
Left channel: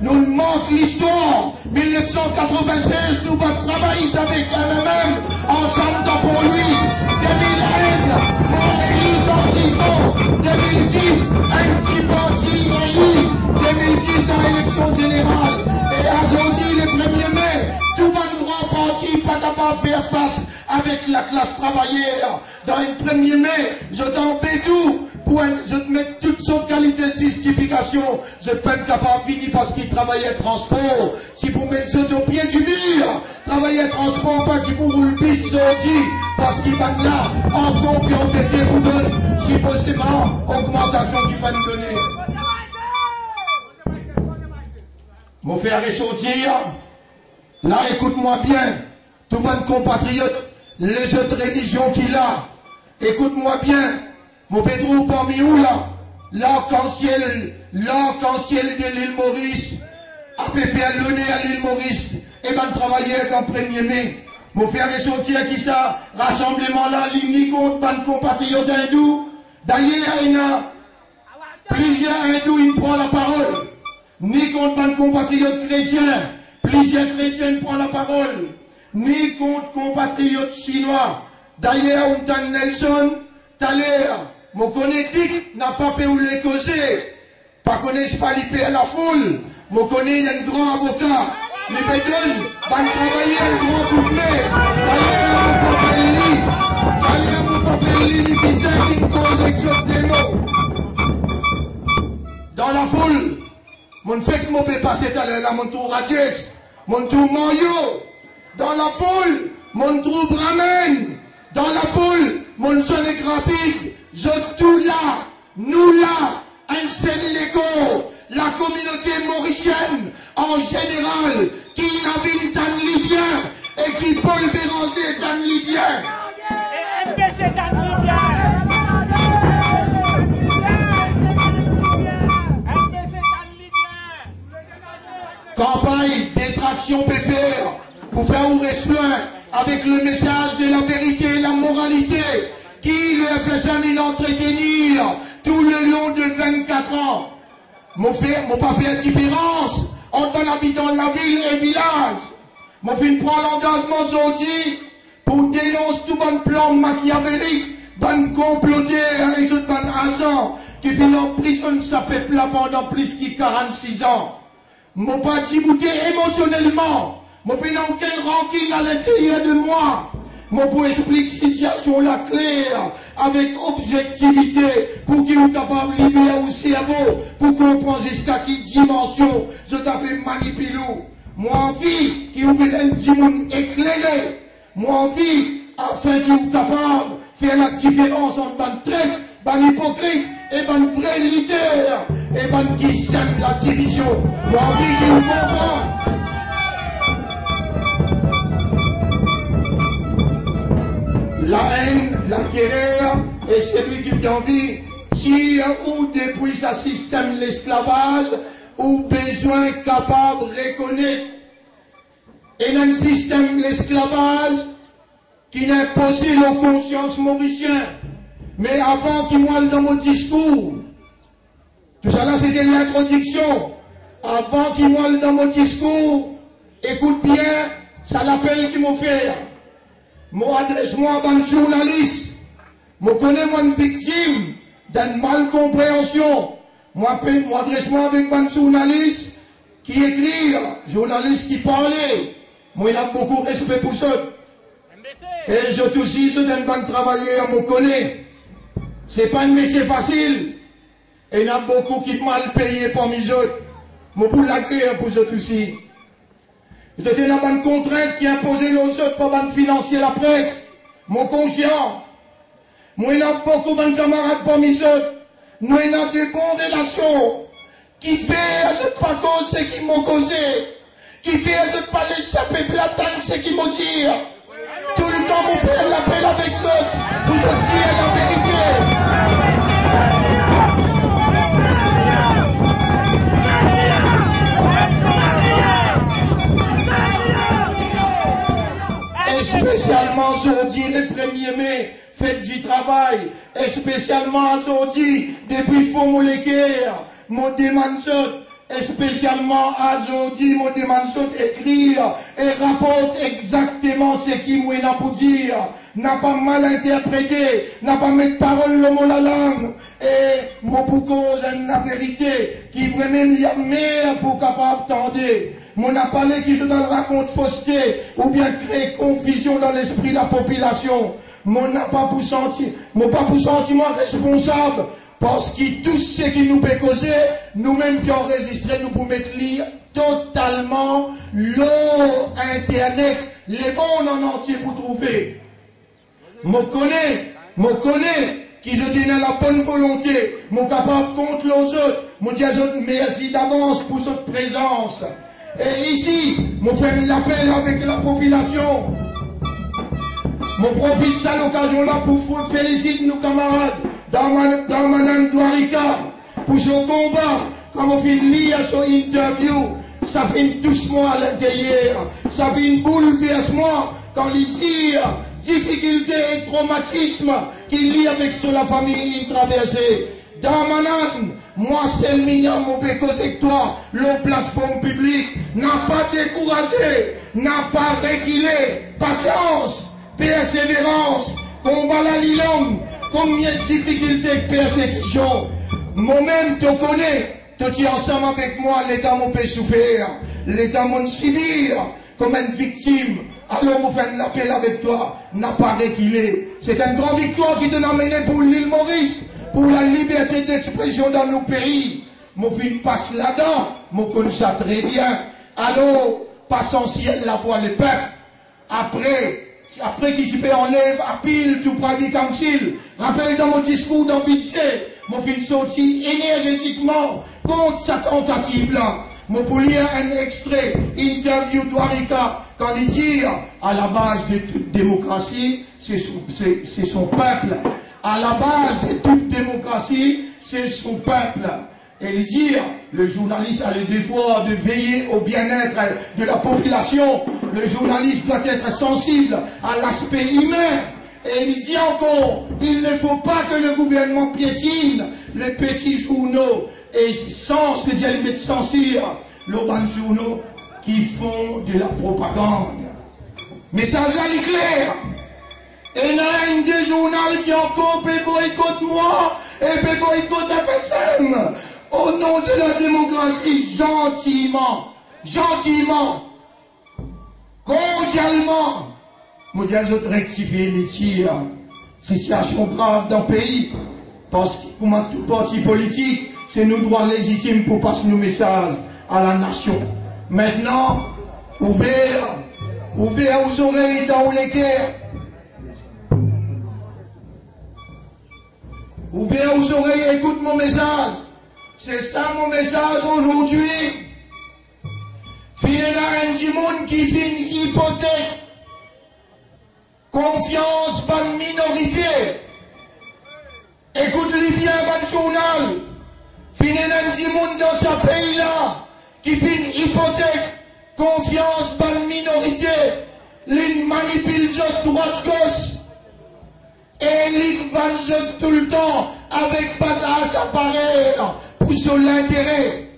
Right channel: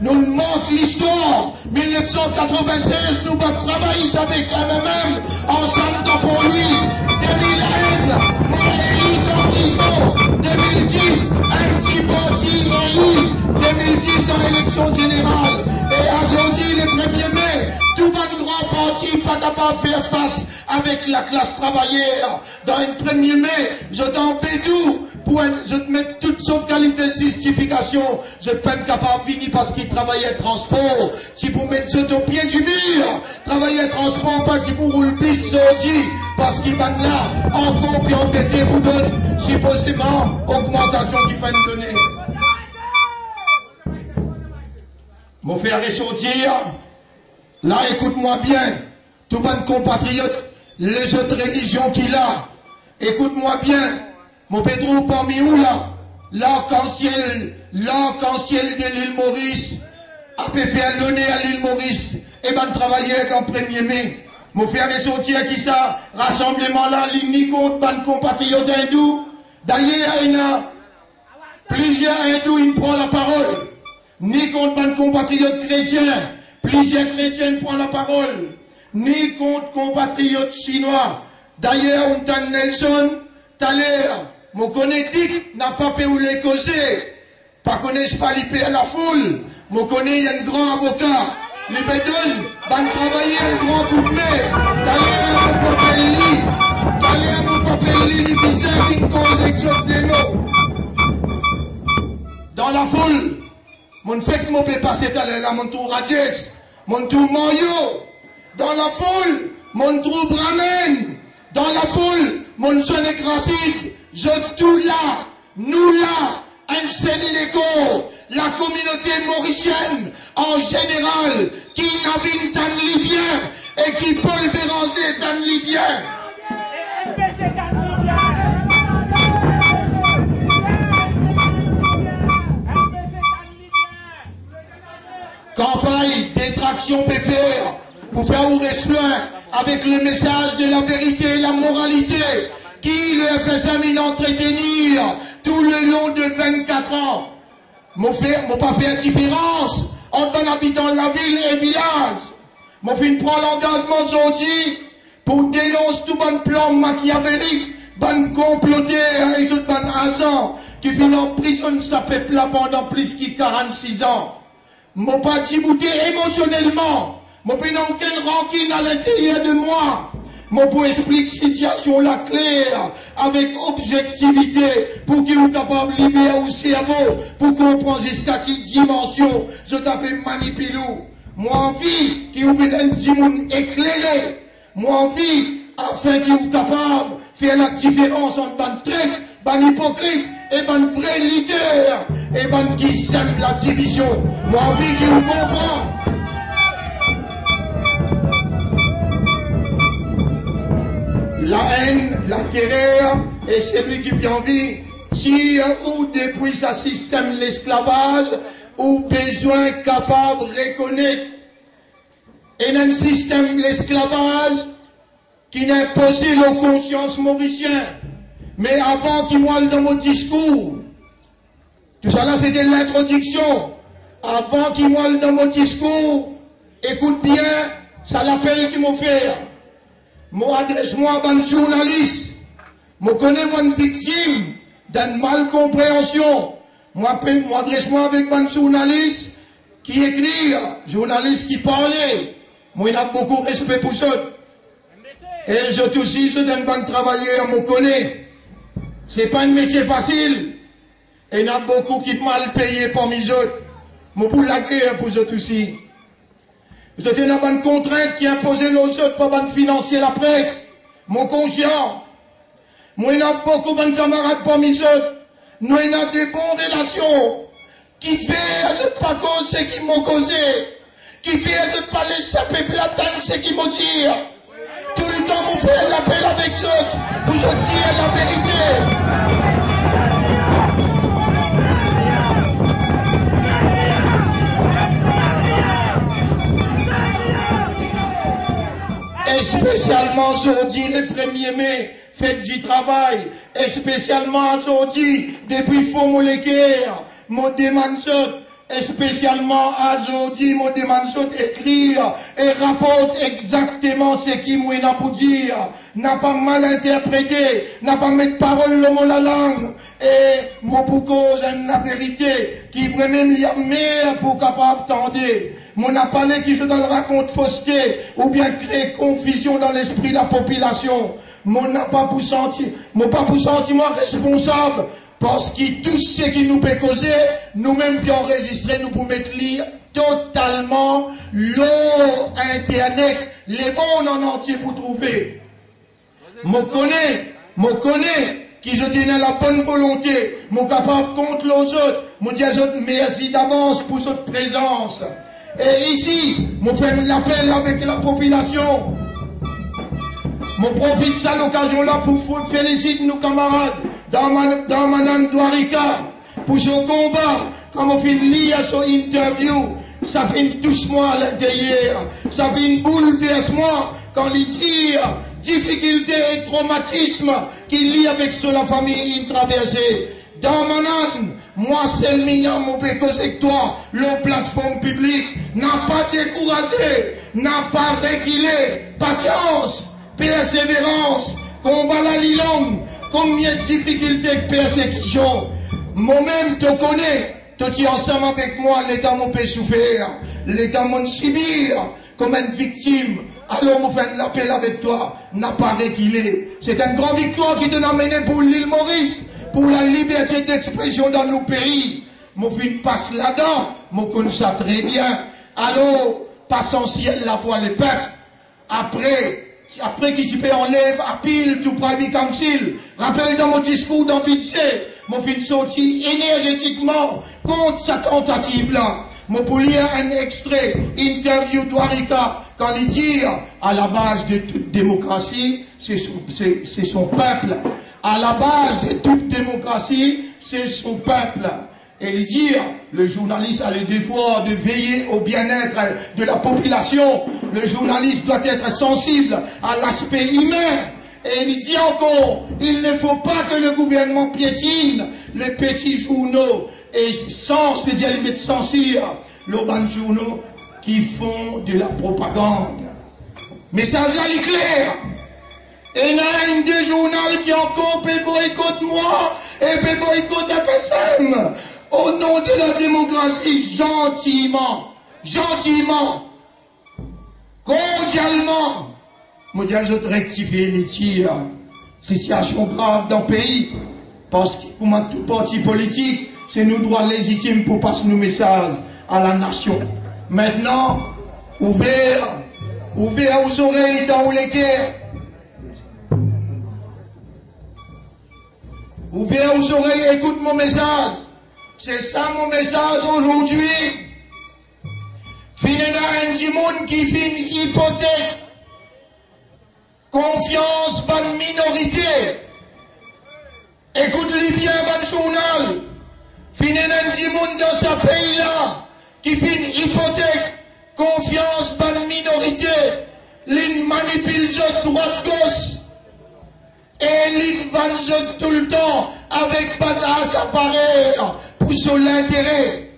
nous nous manque l'histoire. 1996, nous avons travaillé avec MMM, ensemble dans pour lui. 2001, nous élu en prison. 2010, un petit parti élu. 2010 dans l'élection générale. Et aujourd'hui, le 1er mai, tout un grand parti pas capable de faire face avec la classe travaillère. Dans le 1er mai, je t'en fais tout. Je te mets toutes sortes de qualités de justification. Je ne suis pas capable de venir parce qu'il travaillait transport. Si pour mettre ça au pied du mur, travailler transport, pas si pour rouler le bis aujourd'hui, parce qu'il va là, encore puis enquêter pour donner, supposément, augmentation qu'il va nous donner. Mon frère et sortir, là écoute-moi bien, tout bon compatriote, les autres religions qu'il a, écoute-moi bien, mon Pedro parmi où là, l'arc-en-ciel de l'île Maurice, a pu faire l'honneur à l'île Maurice, et ben travailler en 1er mai. Mon frère et sortir qui ça, rassemblement là, ni contre bon compatriote hindou, d'ailleurs il y a plusieurs hindous, ils prennent la parole. Ni contre un compatriote chrétien, plusieurs chrétiens prennent la parole, ni contre compatriotes chinois. D'ailleurs, on t'a Nelson, tout à l'heure, mon connaît n'a pas pu les causer, pas connaissent pas l'IP à la foule, mon connaît, il y a un grand avocat, les bédouins, va travailler un grand coup de main, d'ailleurs, mon papel li, les bizarres qui me causent exode des mots. Dans la foule, mon fait que mon peut passer tout à l'heure, mon tour Radius, mon tour Mario. Dans la foule, mon tour Bramen. Dans la foule, mon jeune graphique. Je tout là, nous là, un seul l'écho. La communauté mauricienne, en général, qui n'avait d'un Libyen et qui Paul Béranger d'un Libyen. Campagne détraction PFR pour faire ouvrir plein avec le message de la vérité et la moralité qui le FSM il entretenir tout le long de 24 ans. Mon pas fait différence entre un habitant de la ville et village. Mon film prend l'engagement aujourd'hui pour dénoncer tout bon plan machiavélique, bon comploté et tout bon agent qui finit en prison de sa peuple là pendant plus que 46 ans. Mon pas débouté émotionnellement. Mon pas aucune rancune à l'intérieur de moi. Mon pour expliquer situation la claire, avec objectivité, pour qu'il soit capable de libérer au cerveau, pour comprendre jusqu'à quelle dimension je t'appelle manipulou. Moi envie qu'il ouvre un petit monde éclairé. Moi envie, afin qu'il soit capable de faire la différence entre ban traître, ban hypocrite, et ban vrai leader, et ban qui sème la division. Moi envie qu'il vous comprend. La haine, la terreur, et celui qui vient envie, tire ou depuis sa système l'esclavage, ou besoin capable de reconnaître. Et un système l'esclavage qui n'a imposé la conscience mauricienne. Mais avant qu'il moelle dans mon discours, tout ça là c'était l'introduction. Avant qu'il moelle dans mon discours, écoute bien, ça l'appel qu'il m'a fait. Moi adresse-moi à un journaliste. Moi connais moi une victime d'une malcompréhension. Moi adresse-moi avec un journaliste qui écrit, journaliste qui parlait. Moi il a beaucoup de respect pour ça. Et je aussi, je donne un travailleur, moi connais. C'est pas un métier facile. Et il y a beaucoup qui mal payé parmi eux. Moi pour l'agréer pour eux aussi. Je suis dans une contrainte qui impose aux autres pour financer la presse. Mon conscient. Moi, il y a beaucoup de camarades parmi eux. Nous, il y a des bonnes relations. Qui fait, je pas cause, c'est qui m'ont causé. Qui fait, je pas l'échapper platane, c'est qui m'ont dit. Tout le temps, vous faites l'appel avec eux. Pour vous dire la vérité. Et spécialement aujourd'hui, le 1er mai, fête du travail, et spécialement aujourd'hui, depuis Fonds moléculaire, mon demande et spécialement aujourd'hui, mon demande écrire et rapporte exactement ce qui m'a pour dire, n'a pas mal interprété, n'a pas mis parole le mot la langue, et mon pour cause la vérité, qui vraiment y a meilleur pour capable tendre. Mon n'a parlé qui je donne raconte fausseté, ou bien créer confusion dans l'esprit de la population. Mon n'a pas pour sentir, mon pas pour sentiment responsable, parce que tout ce qui nous peut causer, nous-mêmes qui enregistré, nous pouvons mettre lire totalement l'eau internet, les mondes en entier pour trouver. Mon connaît, qui je tenais la bonne volonté, mon capable contre les autres, mon dis aux autres merci d'avance pour votre présence. Et ici, je fais l'appel avec la population. Je profite de cette occasion-là pour féliciter nos camarades dans Madame Douarika pour ce combat. Quand on fait lire son interview, ça fait doucement à l'intérieur. Ça fait une bouleversement quand il dit difficulté et traumatisme qu'il lie avec la famille une traversée. Dans Manan, moi c'est le mignon, mon pécos avec toi, la plateforme publique n'a pas découragé, n'a pas reculé, patience, persévérance, combat la longue, combien de difficultés et persécutions. Moi-même te connais, tu es ensemble avec moi, l'État m'a peut souffrir, l'État m'a subir comme une victime. Alors, on fait l'appel avec toi, n'a pas reculé. C'est une grande victoire qui te l'a mené pour l'île Maurice, pour la liberté d'expression dans nos pays. Mon film passe là-dedans, mon connais ça très bien. Alors, passe en ciel la voix les peuples. Après qu'il se enlève à pile tout private council. Rappelle dans mon discours dans Vinci, mon film sorti énergétiquement contre sa tentative-là. Mon pour lire un extrait, interview d'Ouarika, quand il dit à la base de toute démocratie, c'est son peuple. À la base de toute démocratie, c'est son peuple. Et il dit, le journaliste a le devoir de veiller au bien-être de la population. Le journaliste doit être sensible à l'aspect humain. Et il dit encore, il ne faut pas que le gouvernement piétine les petits journaux et sans se dire limite censure les grands journaux qui font de la propagande. Message là, il est clair. Et il y a un des journaux qui ont compé boycott moi, et puis boycott FSM. Au nom de la démocratie, gentiment, cordialement, je vais rectifier les tirs. Situation grave dans le pays. Parce que pour tout parti politique, c'est nos droits légitimes pour passer nos messages à la nation. Maintenant, ouvert aux oreilles dans les guerres. Ouvert aux oreilles, écoute mon message. C'est ça mon message aujourd'hui. Finira un du monde qui fait une hypothèque. Confiance par minorité. Écoute-les bien, votre journal. Finira un du monde dans ce pays-là qui fait une hypothèque. Confiance par minorité. Les manipule droite-gauche. Et les vendent tout le temps avec pas d'appareil pour son l'intérêt.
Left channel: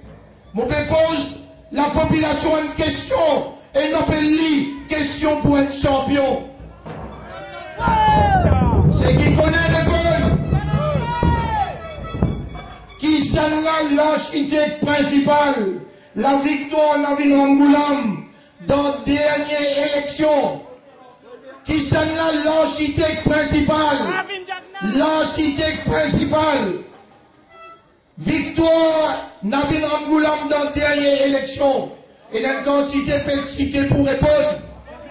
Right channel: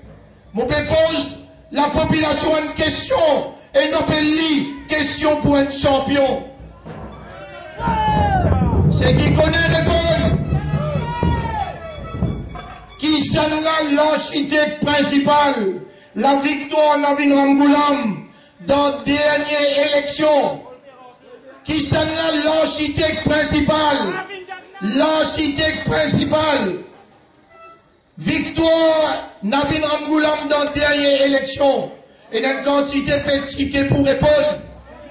Mon pose la population une question et non pas lui question pour un champion. C'est qui connaît les bonnes. Qui s'en a l'architecte principal, la victoire Navin Ramgoulam dans la dernière élection. Qui s'en a l'architecte principal, victoire Navin Ramgoulam dans la dernière élection. Et la quantité petit pour répondre,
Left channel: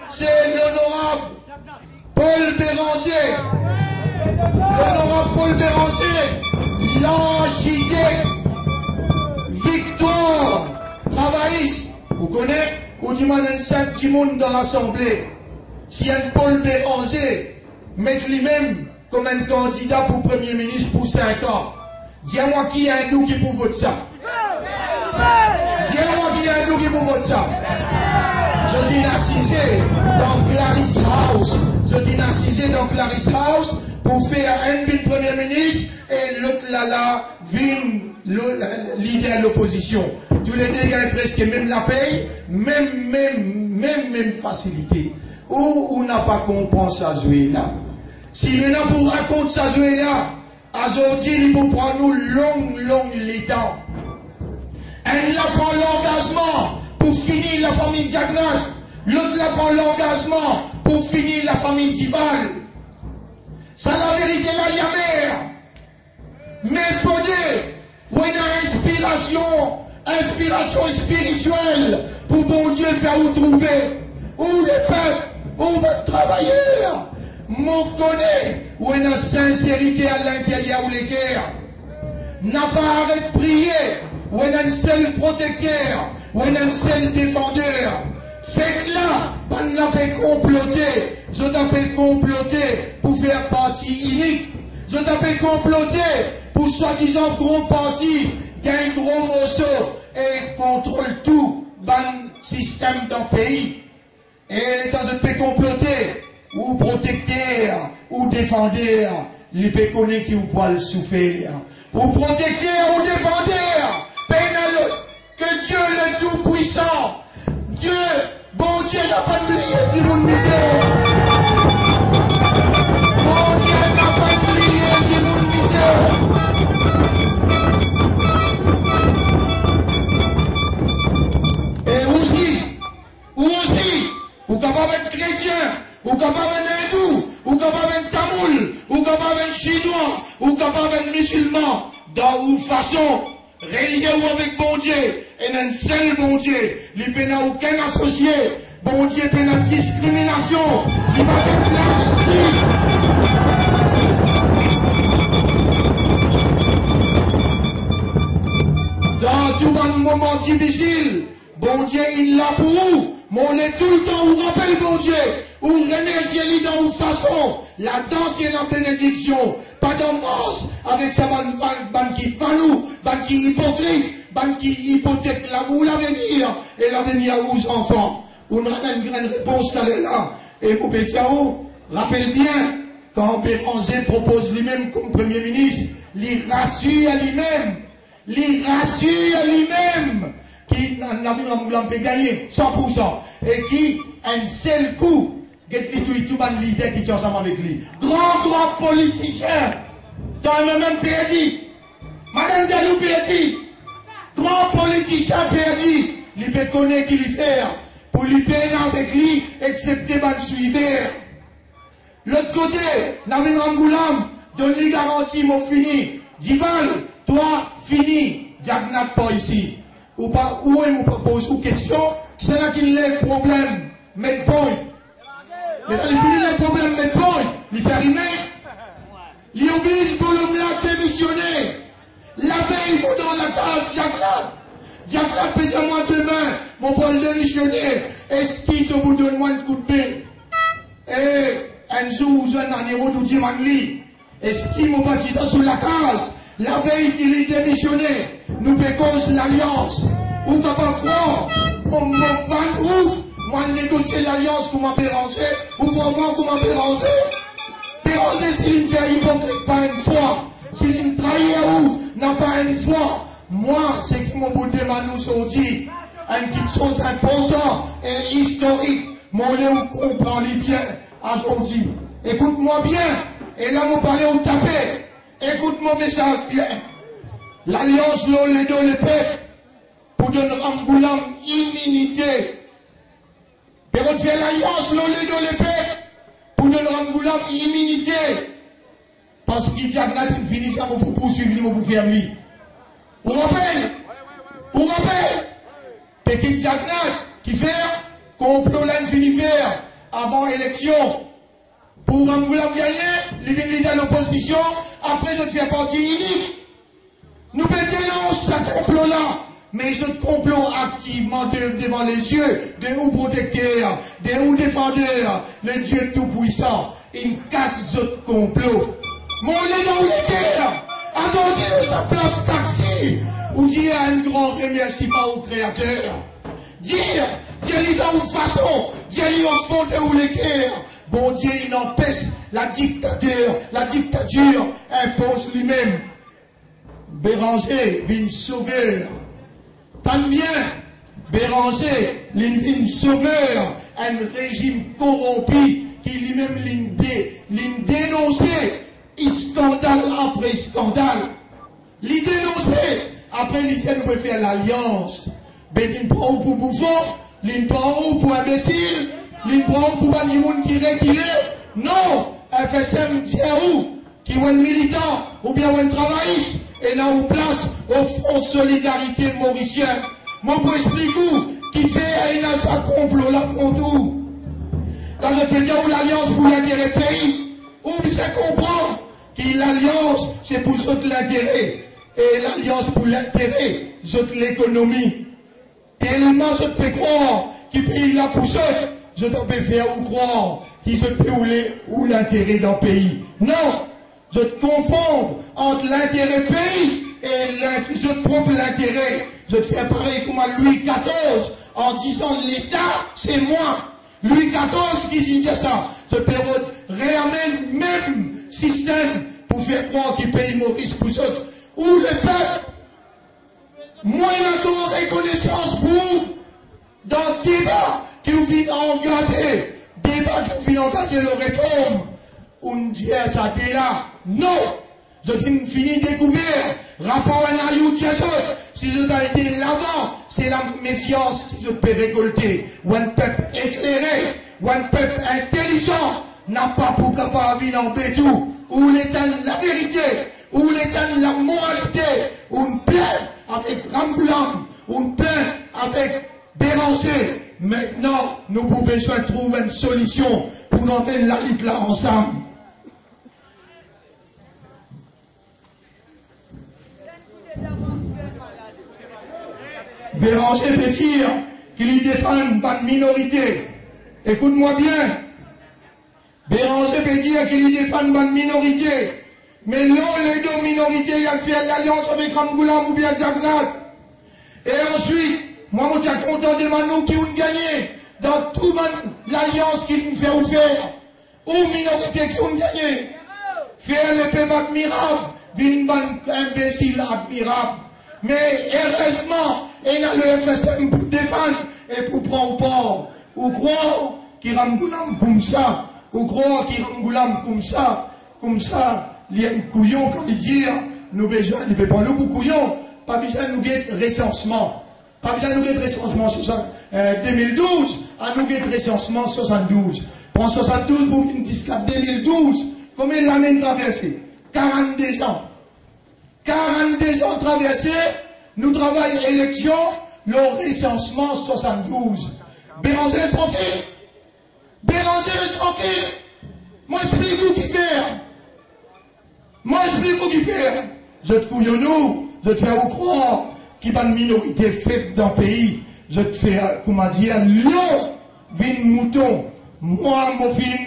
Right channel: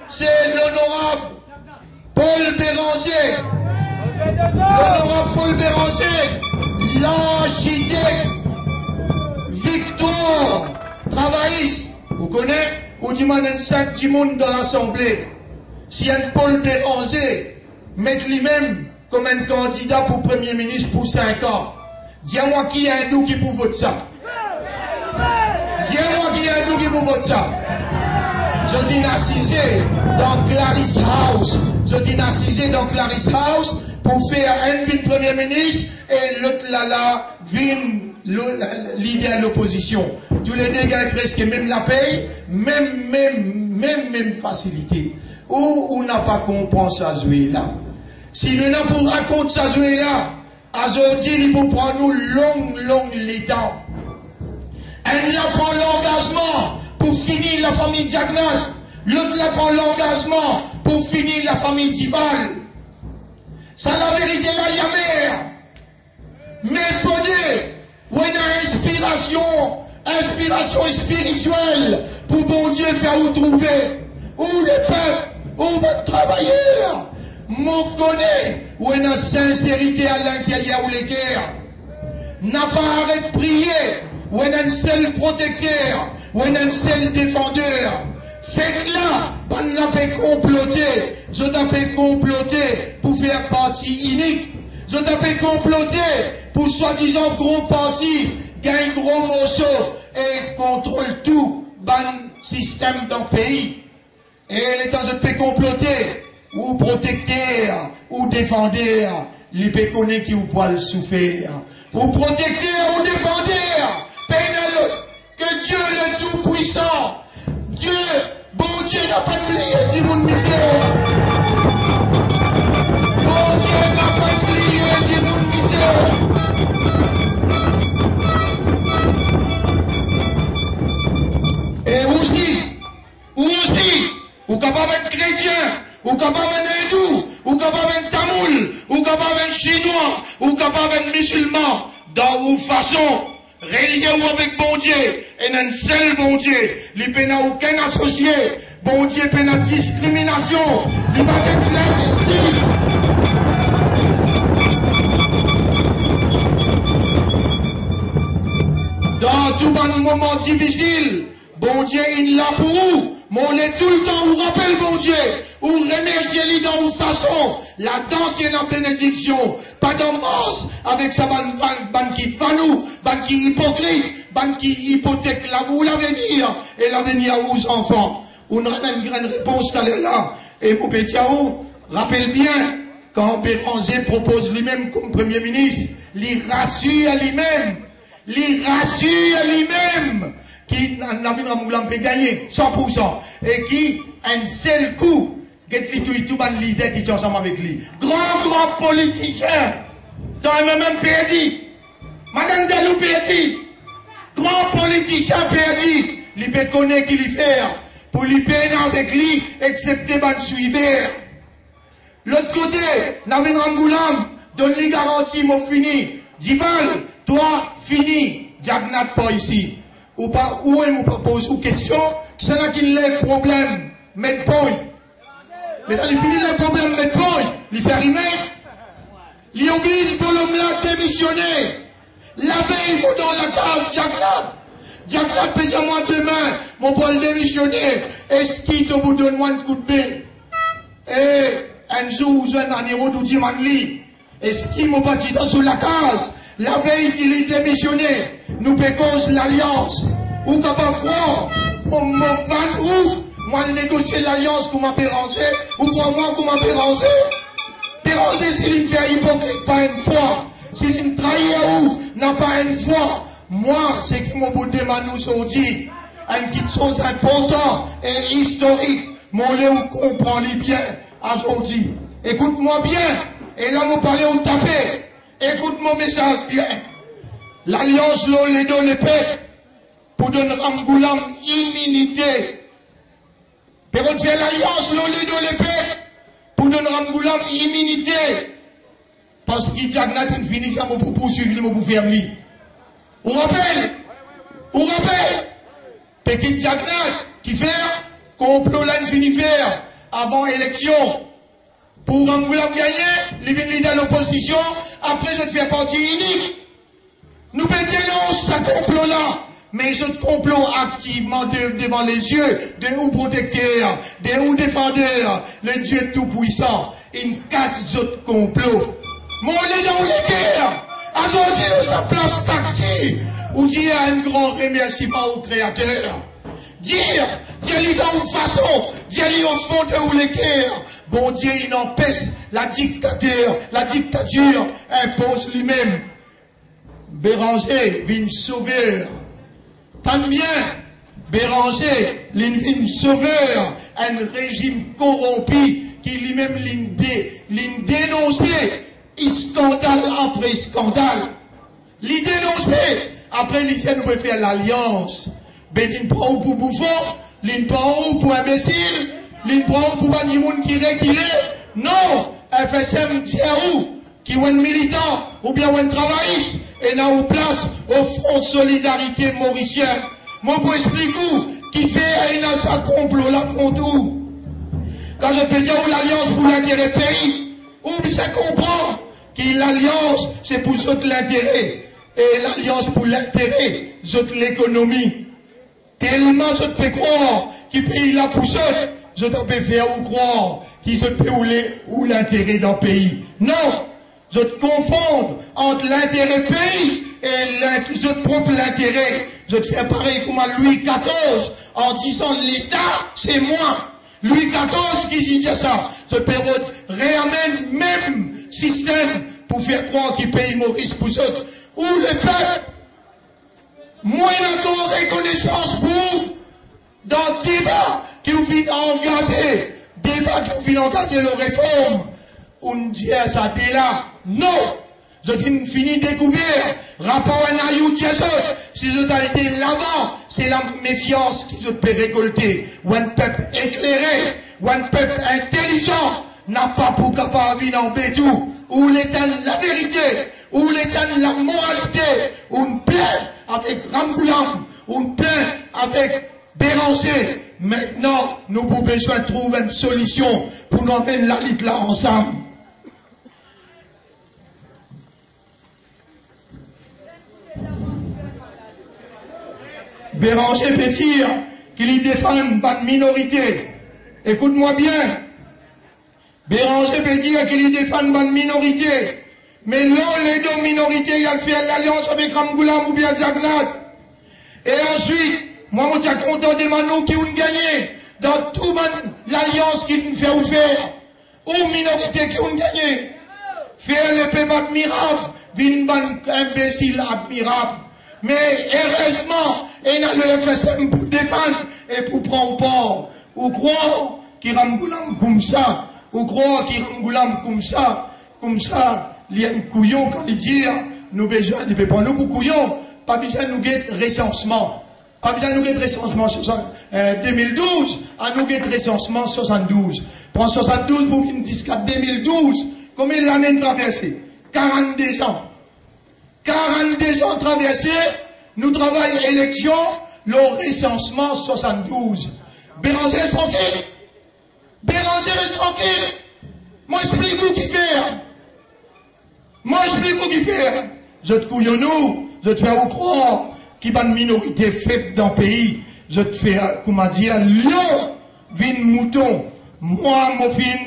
c'est l'honorable Paul Béranger. L'honorable Paul Béranger, l'architecte victoire travailliste. Vous connaissez, vous dites un sac du monde dans l'Assemblée. Si un Paul Béranger met lui-même comme un candidat pour Premier ministre pour 5 ans, dis-moi qui est un nous qui peut voter ça. Dis-moi qui est un nous qui peut voter ça. Je dis assisé dans Clarice House. Je dis assisé dans Clarice House pour faire un ville Premier ministre et l'autre là vine leader de l'opposition. Tous les deux gagnent presque même la paye, même facilité. Ou on n'a pas compris ça jouer là. Si nous n'a pas raconter ça jouer là, aujourd'hui il faut prendre nous long temps. Elle la prend l'engagement pour finir la famille Diagonal. L'autre la prend l'engagement pour finir la famille Dival. Ça la vérité là, y a mère. Mais il faut dire, où il y a inspiration spirituelle pour bon Dieu faire vous trouver. Où les peuples, où votre travailleur, m'en connaît, où il y a sincérité à l'intérieur ou les guerres. N'a pas arrêté de prier, où il y a un seul protecteur, où il y a un seul défendeur. Fait que là, on n'a pas comploté. Je t'ai comploté pour faire partie unique. Je t'ai comploté pour soi-disant gros parti, gagne gros morceau et contrôle tout, ban système dans le pays. Et les temps de paix comploter, ou protecteur, ou défendeur, les péconés qui vous poil souffrir. Ou protecteur, ou défendeur, que Dieu est tout puissant. Dieu, bon Dieu n'a pas oublié du monde misère. Bon Dieu n'a pas oublié du monde misère. Et aussi, ou capable d'être chrétien, ou capable d'être hindou, ou capable d'être tamoul, ou capable d'être chinois, ou capable d'être musulman, dans une façon, relié ou avec bon Dieu, et un seul bon Dieu, il n'y a aucun associé, bon Dieu il y a discrimination, il va être l'injustice. Dans tout bon moment difficile, bon Dieu il l'a pour vous, mais on est tout le temps, on rappelle bon Dieu, ou remerciez-lui dans une façon, là-dedans qui est dans bénédiction, pas d'ambiance avec sa ban qui fanou, ban qui hypocrite, ban qui hypothèque l'amour, l'avenir, et l'avenir aux enfants. On a une grande réponse tout à l'heure là. Et mon petit rappelle bien, quand Béranger propose lui-même comme Premier ministre, il rassure à lui-même, qui n'a pas gagné 100%, et qui, un seul coup, get tout ban leader qui est ensemble avec lui. Grand politicien, Quand même perdu. Madame Delou perdu. Grand politicien perdu. Il peut connaître qu'il fait. Pour lui payer avec lui, excepté ban suivre. L'autre côté, Navin Rangoulam, donne-lui garantie, mon fini. Dival, toi, fini. Diagnat pas ici. Ou pas, où est mon propose ou question, qui n'a qui lève problème, mettre point. Mais là, il finit le problème, mettre point. Il fait rimer. Il oblige pour l'homme là démissionner. La veille, il dans la case, Diagnat. Diagnat peut dire moi demain, mon Paul démissionner. Est-ce qu'il te vous donne moi un coup de main? Un jour, je vais dans les routes où tu m'en lis. Est-ce qu'il m'a pas dit dans la case? La veille qu'il est démissionné, nous pécons l'alliance. Ou capable de croire, mon 20 août, moi je négocie l'alliance qu'on m'a pérangé, ou pour moi qu'on m'a pérangé. Pérangé, s'il me fait hypocrite pas une fois, s'il me trahit ou n'a pas une fois, moi, c'est qui mon bout de manou aujourd'hui, une petite chose importante et historique, mon léo comprend les bien aujourd'hui. Écoute-moi bien, et là, vous parlez au tapé. Écoute mon message bien. L'alliance l'Olédo le peuple pour donner Rangoulam immunité. Pérot fait l'alliance l'Olédo le peuple pour donner Rangoulam immunité. Parce qu'il dit à Gnatine fini ça pour poursuivre pour faire lui. Vous rappelez? Vous rappelez? Petit Diagnat qui fait complot là fini faire avant élection. Pour Rangoulam gagner, les leaders de l'opposition, après je te fais partie unique. Nous dénonçons ce complot-là, mais je te complot activement devant les yeux de ou protecteurs, de ou défendeurs, le Dieu tout-puissant. Il casse ce complot. Mon les dans les guerres, aujourd'hui nous sommes place taxi, ou dire un grand remerciement au Créateur. Dire dans une façon, dire au fond de où les guerres. Bon Dieu, il empêche la dictature impose lui-même. Béranger, vient sauveur. Tant bien, Béranger, vient sauveur, un régime corrompu qui lui-même dénonçait, scandale après scandale. L'y dénoncer, après l'État nous peut faire l'alliance. Ben, il prend pour bouffon, il prend pour imbécile. L'une prend pour pas du monde qui est. Non, FSM tient où? Qui est un militant ou bien un travailliste et n'a en place au Front de Solidarité mauricien. Moi, pour expliquer qui fait un sa complot là contre où? Quand je peux dire l'alliance pour l'intérêt pays, ou bien ça comprend que l'alliance c'est pour l'intérêt et l'alliance pour l'intérêt, l'économie. Tellement je peux croire qui paye la poussette. Je te peux faire ou croire qui se peut ou l'intérêt d'un pays. Non, je te confonds entre l'intérêt pays et je te propre l'intérêt. Je te fais pareil comme à Louis XIV en disant l'État, c'est moi. Louis XIV qui dit ça. Je peux réamène même système pour faire croire qu'il paye Maurice Poussotte. Ou le peuple, moins encore reconnaissance pour dans le débat qui vous vient engager, débat qui vous vient engager la réforme, on dit ça dès là. Non, je dis fini découvert, rapport à Nayou si je dois été l'avant, c'est la méfiance qui je peux récolter. Ou un peuple éclairé, ou un peuple intelligent, n'a pas pour capable de en bétou, ou l'état la vérité, ou l'état la moralité, ou une plainte avec Rangoulam, ou une plainte avec Béranger. Maintenant, nous avons besoin de trouver une solution pour nous mettre la lutte là ensemble. Béranger peut dire qu'il défend une minorité. Écoute-moi bien. Béranger peut dire qu'il défend une minorité. Mais là, les deux minorités, il a fait l'alliance avec Rangoulam ou bien Diagnat. Et ensuite, moi, je suis content des Manou qui ont gagné dans toute l'alliance qui nous fait faire. Ou minorité qui ont gagné. Faire le peuple admirable, une imbécile admirable. Mais heureusement, il y a le FSM pour défendre et pour prendre part. Ou croire qu'il Rangoulam comme ça. Ou croire qu'il Rangoulam comme ça. il y a un couillon quand il dit, nous besoin de prendre nous pour couillon, pas besoin de nous guetter recensement. Pas besoin de nous guetter recensement 2012, à nous guetter recensement 72. Prends 72 pour qu'il me dise qu'à 2012, combien l'année de traversée? 42 ans. 42 ans traversés, nous travaillons élection, le recensement 72. Béranger reste tranquille. Béranger reste tranquille. Moi, explique-vous qui fait. Moi, explique-vous qui fait. Je te couille nous, je te fais vous croire qu'il y a une minorité faible dans le pays. Je te fais, comment dire, lion, vin mouton. Moi, mon fin,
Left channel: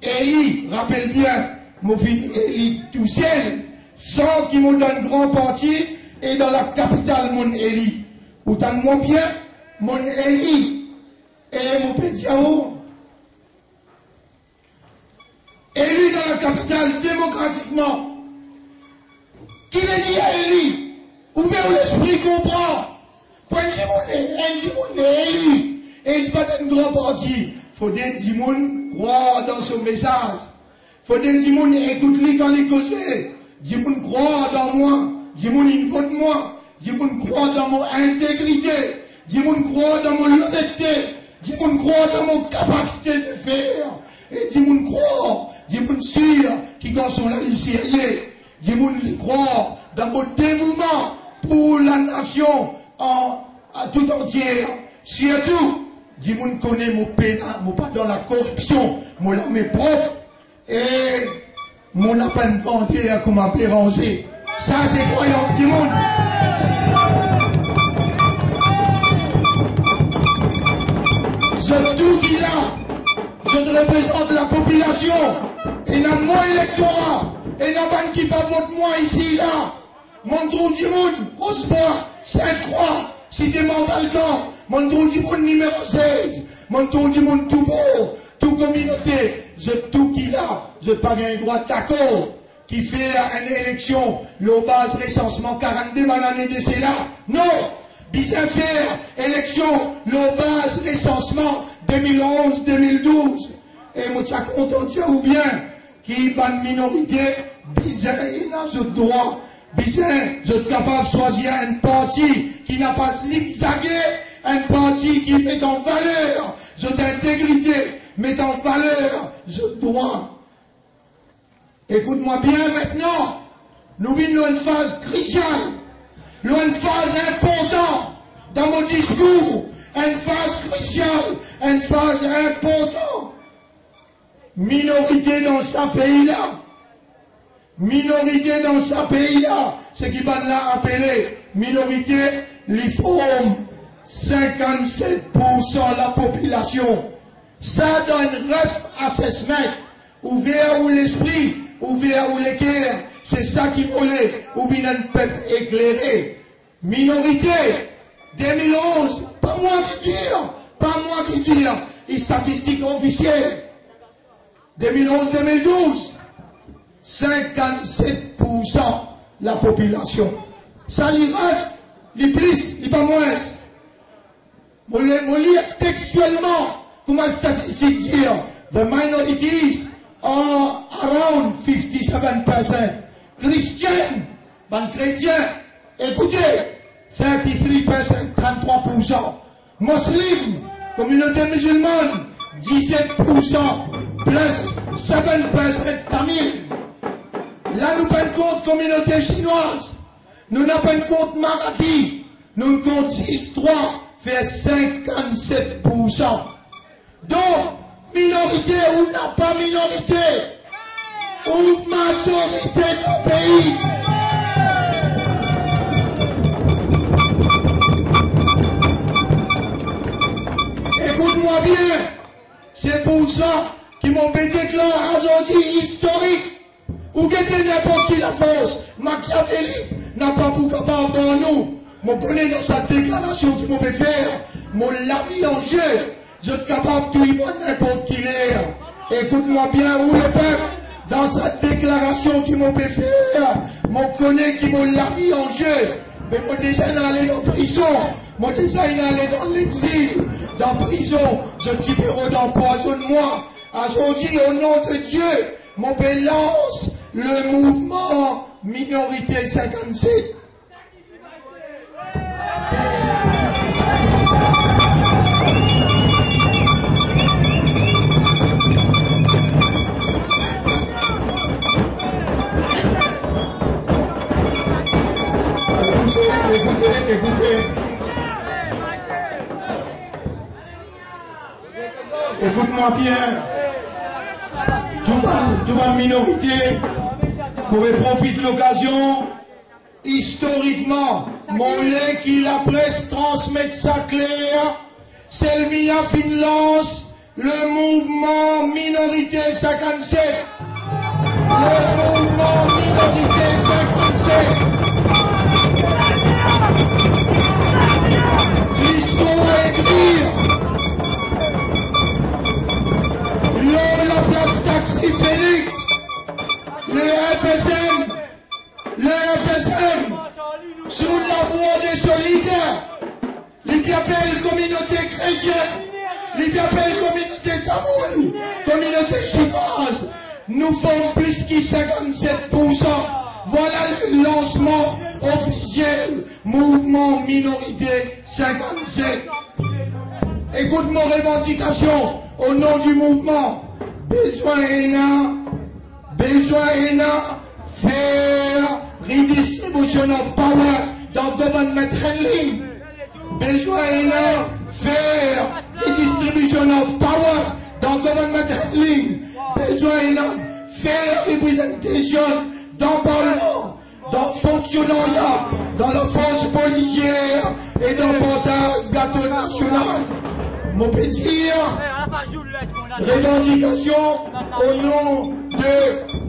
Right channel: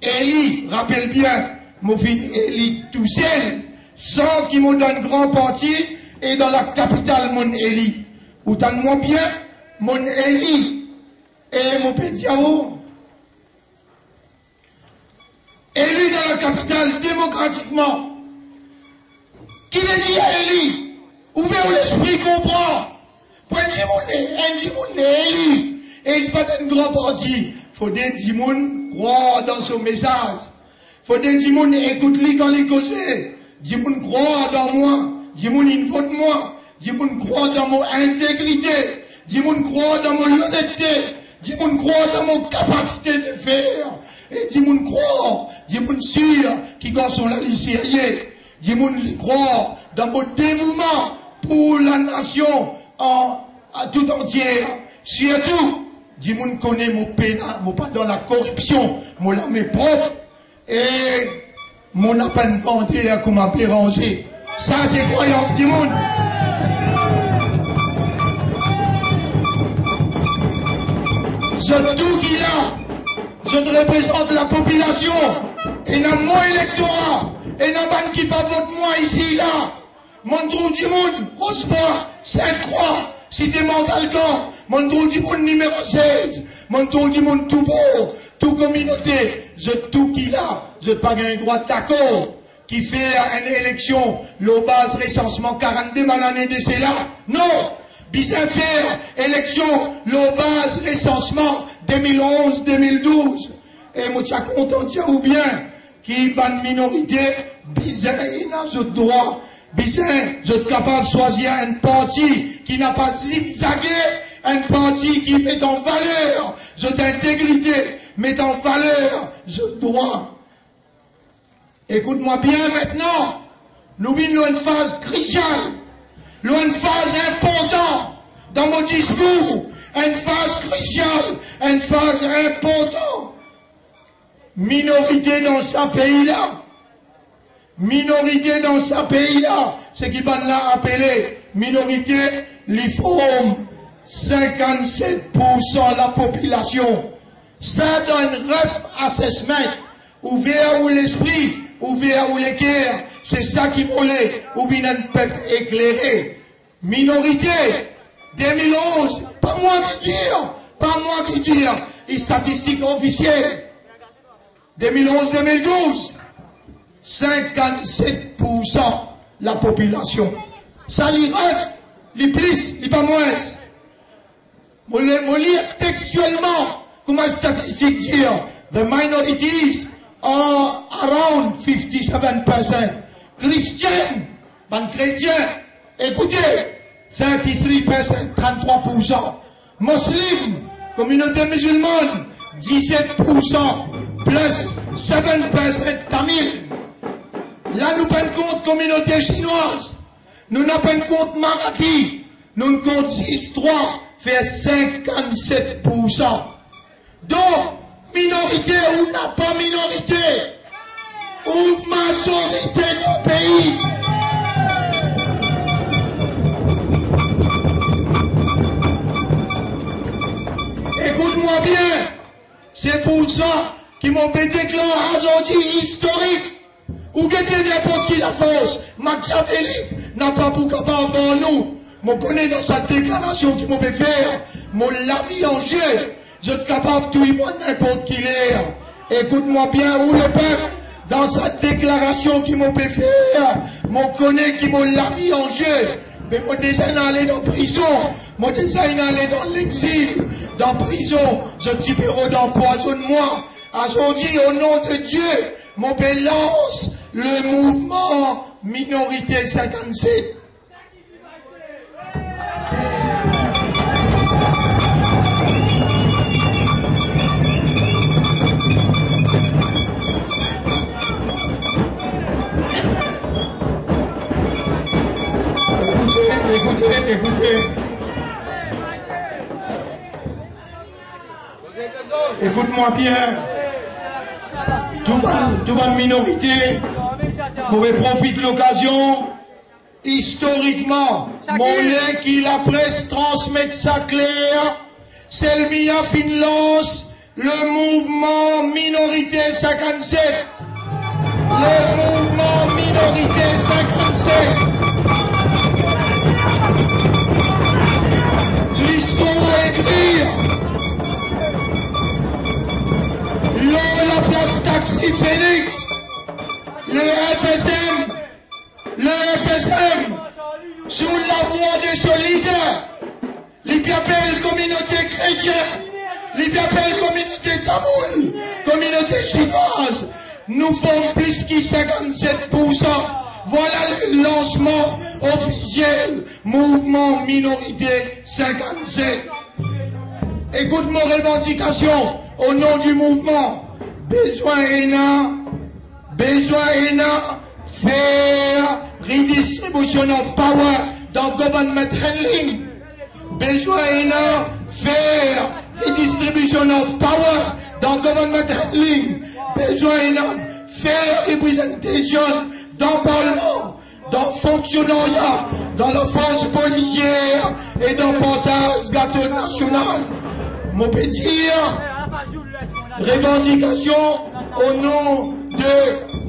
Eli, rappelle bien, mon fin, Eli tout seul, sans qu'il me donne grand parti, et dans la capitale, mon Eli. Ou t'en moi bien, mon Eli, et mon Pétiao. Élu dans la capitale démocratiquement. Qui l'a dit à Eli? Ouvrez l'esprit, comprend. Prenez mon élu. Et il va être un grand parti. Faut des gens croire dans son message. Faut des gens écouter quand il cause. Des gens croire dans moi. Des gens ils votent moi. Des gens croire dans mon intégrité. Des gens croire dans mon honnêteté. Des gens croire dans mon capacité de faire. Et des gens croire, des gens sûrs qui sont là, les sérieux. Des gens croire dans mon dévouement pour la nation à tout entière. Surtout, des gens connaissent mon pénal, mon pas dans la corruption, mon l'armée propre, et mon appel demandé à comment Béranger. Ça, c'est croyance du monde. Je tout qui là. Je représente la population. Et dans mon électorat, et dans ban qui pas vote moi ici là, mon trou du monde, Rosebois, Sainte-Croix, Cité Morgalcan, mon trou du monde numéro 16, mon trou du monde tout beau, tout communauté, je tout qui là, je pas un droit d'accord, qui fait une élection, le base recensement 42 l'année de c'est là. Non! Bizarre faire élection, le base recensement 2011-2012. Et moi, tu as content, ou bien, qui est une minorité, bizarre, il n'a pas de droit. Bizarre, je suis capable de choisir un parti qui n'a pas zigzagué, un parti qui met en valeur, je d'intégrité, met en valeur, je droit. Écoute-moi bien maintenant, nous vivons une phase cruciale. Une phase importante dans mon discours, une phase cruciale, une phase importante. Minorité dans ce pays-là. Minorité dans ce pays-là. Ce qui va là appeler minorité, les forme 57% de la population. Ça donne ref assessment. Ouvert ou l'esprit, ouvert ou les cœurs. C'est ça qui voulait, ou bien un peuple éclairé. Minorité, 2011, pas moi qui dire, les statistiques officielles. 2011-2012, 57% la population. Ça les ref, les plus, les pas moins. Moi lire textuellement, comme la statistique dit, the minorities are around 57%. Christiens, ban chrétiens, écoutez, 33%, 33%. Muslims, communauté musulmane, 17%, plus 7% Tamil. Là, nous prenons compte communauté chinoise. Nous n'avons pas compte Marathi. Nous compte 6-3, fait 57%. Donc, minorité ou n'a pas minorité, ou majorité du pays. Écoute-moi bien, c'est pour ça qu'ils m'ont déclaré aujourd'hui historique. Ou que n'importe qui la force, Machiavelli n'a pas pour capable pour nous. Je connais dans sa déclaration qu'il m'a fait faire, mon vie en jeu. Je suis capable de tout n'importe qui l'est. Écoute-moi bien, où le peuple, dans sa déclaration qu'il m'a fait faire, je connais qu'il m'a vie en jeu. Mais moi déjà allé dans la prison, moi déjà allé dans l'exil, dans la prison, je suis bureau d'empoisonnement. Aujourd'hui, au nom de Dieu, mon lance le mouvement Minorité 57. Écoutez. Écoute-moi bien. Tout le minorité, vous profite de l'occasion. Historiquement, mon lait qui la presse transmet sa claire, Selmia Finlance, le mouvement Minorité 57. Le mouvement Minorité 57. L'histoire écrire. La place Taxi Phoenix. Le FSM. Sous la voie des solidaires. Les appellent communauté chrétienne. Les appellent communauté tamoul. Communauté chinoise. Nous faisons plus que 57%. Voilà le lancement officiel. Mouvement Minorité 57. Écoute nos revendications au nom du mouvement. Besoin faire redistribution of power dans government handling. Besoin faire redistribution of power dans government handling. Besoin faire représentation dans le Parlement, dans le fonctionnariat, dans la force policière et dans le portage gâteau national. Mon petit revendication au nom de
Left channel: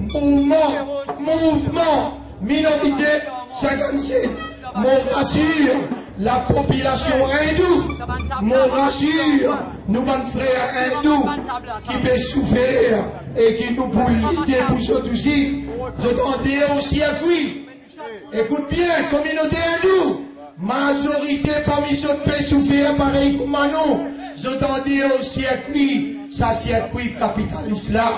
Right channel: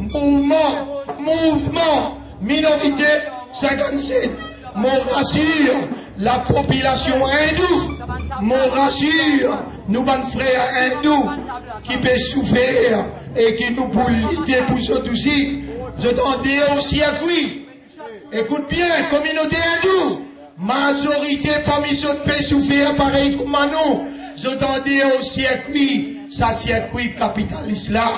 mouvement Minorité 57. Mon rassure la population hindoue. Mon rassure nous, nos frères hindous qui peuvent souffrir et qui nous pour lutter pour ça aussi. Je t'en dis aussi à qui. Écoute bien, communauté hindoue. Majorité parmi ceux qui peuvent souffrir pareil comme nous. Je t'en dis aussi à qui. Ça circuit capitaliste là.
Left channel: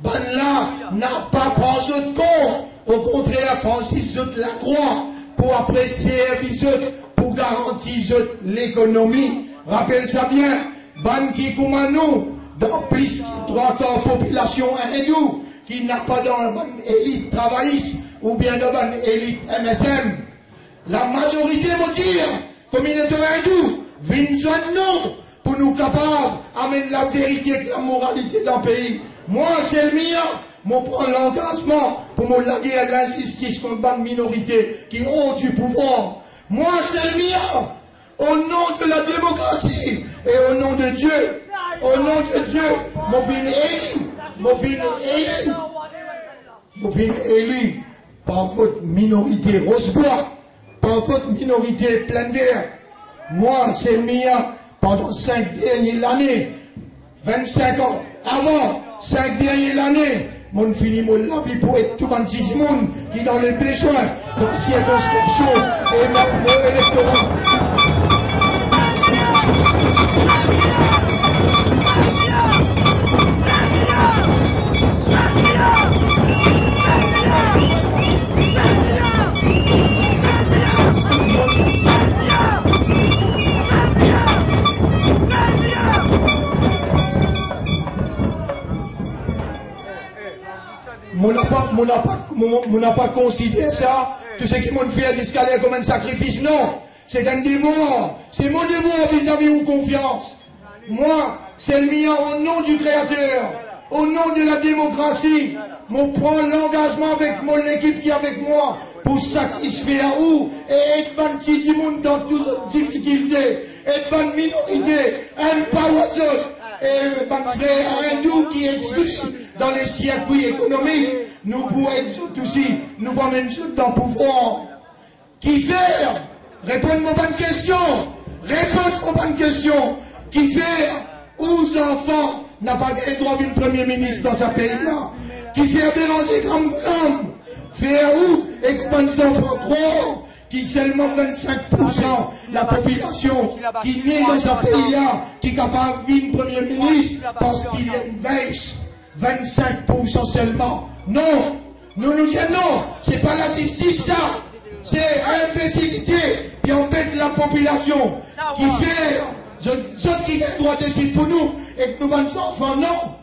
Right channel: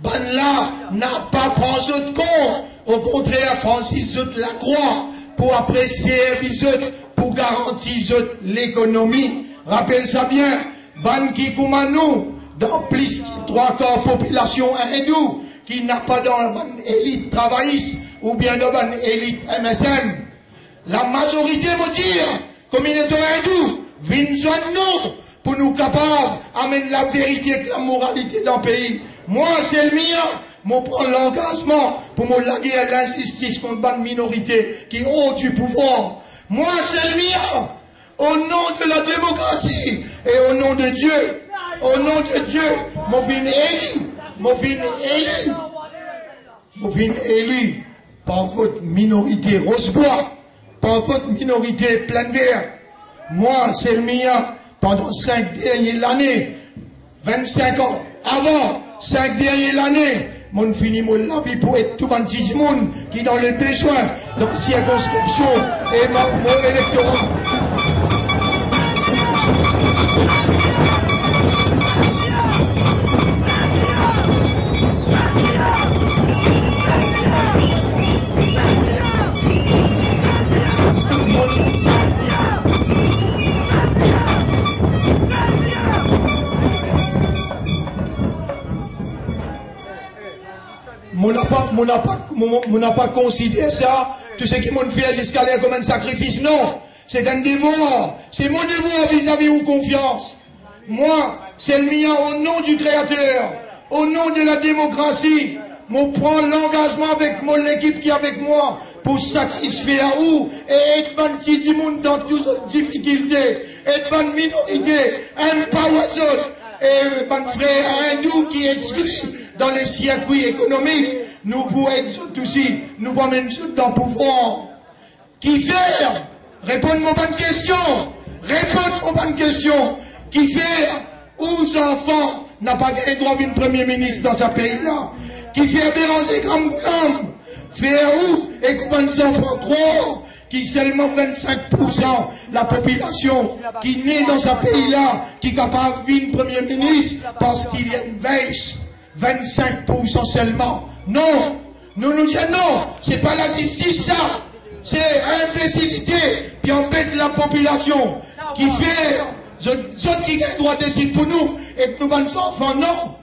Ben là, n'a pas pris de compte. Au contraire, Francis la croix pour apprécier les autres, pour garantir l'économie. Rappelle ça bien. Ben qui comme nous, dans plus de 3/4 population hindoue, qui n'a pas dans l'élite travailliste ou bien dans l'élite MSM. La majorité veut dire, communauté hindoue, viens nous pour nous capables d'amener la vérité et la moralité dans le pays. Moi, c'est le mien. Je prends l'engagement pour me laguer à l'injustice contre la minorité qui ont du pouvoir. Moi, c'est le mien. Au nom de la démocratie et au nom de Dieu. Au nom de Dieu, je viens élu par votre minorité Rosebois, par votre minorité Plein Vert. Moi, c'est le mien. Pendant 5 dernières années, 25 ans, avant 5 dernières années, mon fini mon la vie pour être tout le monde qui dans le besoin de la circonscription et mon électorat. On n'a pas considéré ça, tout ce qui m'ont fait jusqu'à là comme un sacrifice. Non, c'est un devoir. C'est mon devoir vis-à-vis de confiance. Moi, c'est le mien au nom du Créateur, au nom de la démocratie. Je prends l'engagement avec mon équipe qui est avec moi pour satisfaire où et être un petit monde dans toutes les difficultés, être une minorité, un power et un frère hindou qui est exclu dans les circuits économiques. Nous pouvons être aussi, nous pouvons même dans le pouvoir. Qui faire? Répondez-moi bonne question. Répondez-moi bonne question. Qui faire? Aux enfants n'a pas gagné droit d'une premier ministre dans ce pays-là. Qui fait Béranger Gramgoulam? Faire où? Et combien d'enfants trop? Qui seulement 25% la population qui naît dans ce pays-là, qui est capable de vivre premier ministre parce qu'il y a une baisse. 25% seulement. Non, Nous nous disons non, c'est pas la justice ça. C'est imbécilité, puis on pète la population qui fait, ceux qui ont le droit de décider pour nous, et que nous allons enfants, non.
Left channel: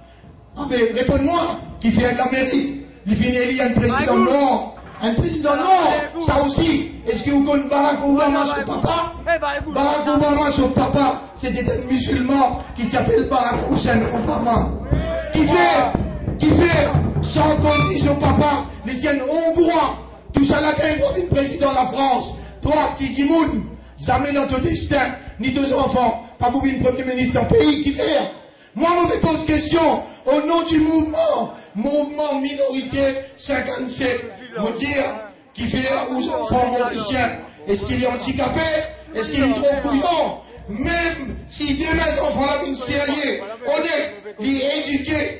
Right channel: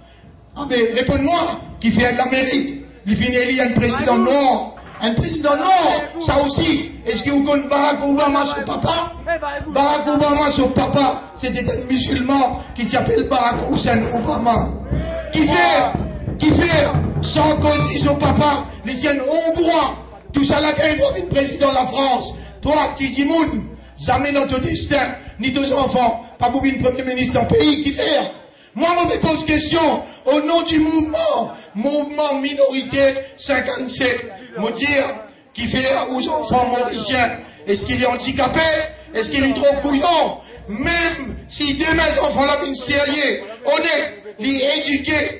Ah ben, réponds-moi, qui fait de l'Amérique, il finit un président noir. Un président noir, ça aussi. Est-ce que vous connaissez Barack Obama, son papa? Barack Obama, son papa, c'était un musulman qui s'appelle Barack Hussein Obama. Qui fait Sarkozy, son papa, les tiennent hongrois. Tout ça là, quand il doit être président de la France. Toi, Titi Moun, jamais dans ton destin, ni tes enfants, pas pour une premier ministre d'un pays, qui fait? Moi, je me pose question, au nom du mouvement minorité 57, me dire, qui fait aux enfants mauriciens, est-ce qu'il est handicapé? Est-ce qu'il est trop couillon? Même si demain, les enfants là viennent sérieux, honnête, les éduqués,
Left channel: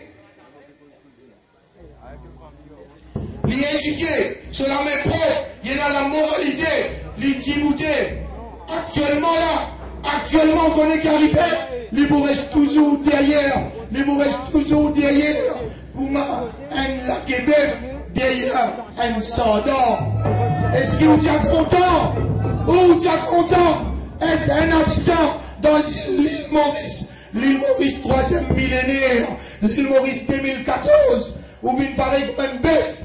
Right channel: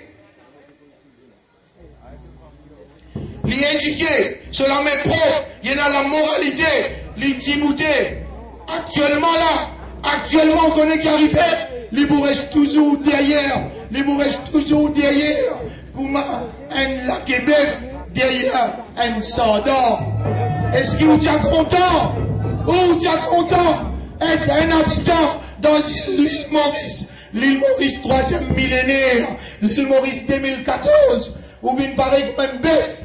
sur la même propre, il y en a la moralité, l'intimité. Actuellement, on connaît qu'arriver, il vous reste toujours derrière, Comment un laquebef derrière un soldat. Est-ce que vous êtes content? Ou vous êtes content d'être un habitant dans l'île Maurice? L'île Maurice, 3e millénaire, l'île Maurice 2014, où vous paraît comme un bœuf.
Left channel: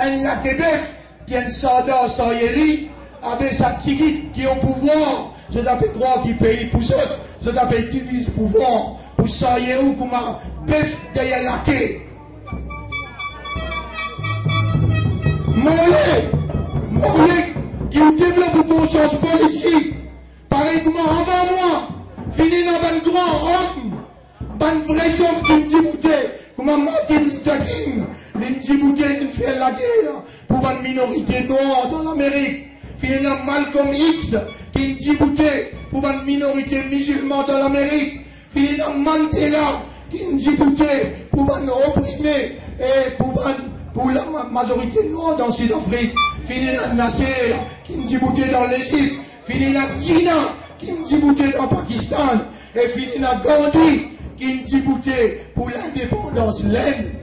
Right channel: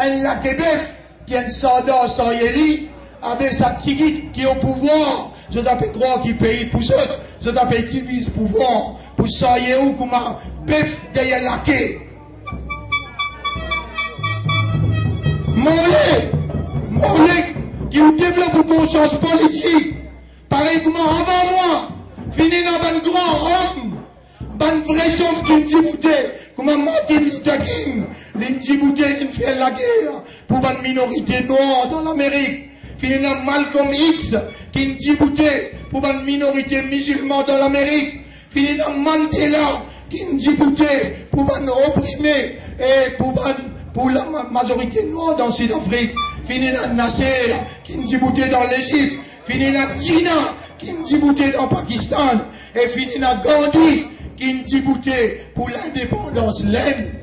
Un laquebef qui est un soldat sans yéli, avec sa tigite qui est au pouvoir. Je t'appelle croire qu'il paye pour ça. Je t'appelle divise pouvoir. Pour ça, il y a où comme un bœuf derrière laqué. Mollet, qui vous développe une conscience politique. Pareil comme avant moi, fini dans un grand homme, un vrai homme qui me dit comme Martin Luther King. L'Indjibouté qui fait la guerre pour une minorité noire dans l'Amérique. Finalement, Malcolm X qui Indjibouté pour une minorité musulmane dans l'Amérique. Finalement, Mandela qui Indjibouté pour une opprimé et pour la majorité noire dans Sud-Afrique. Finalement, Nasser qui Indjibouté dans l'Égypte. Finalement, Jinnah qui Indjibouté dans Pakistan. Et finalement, Gandhi qui Indjibouté pour l'indépendance laine.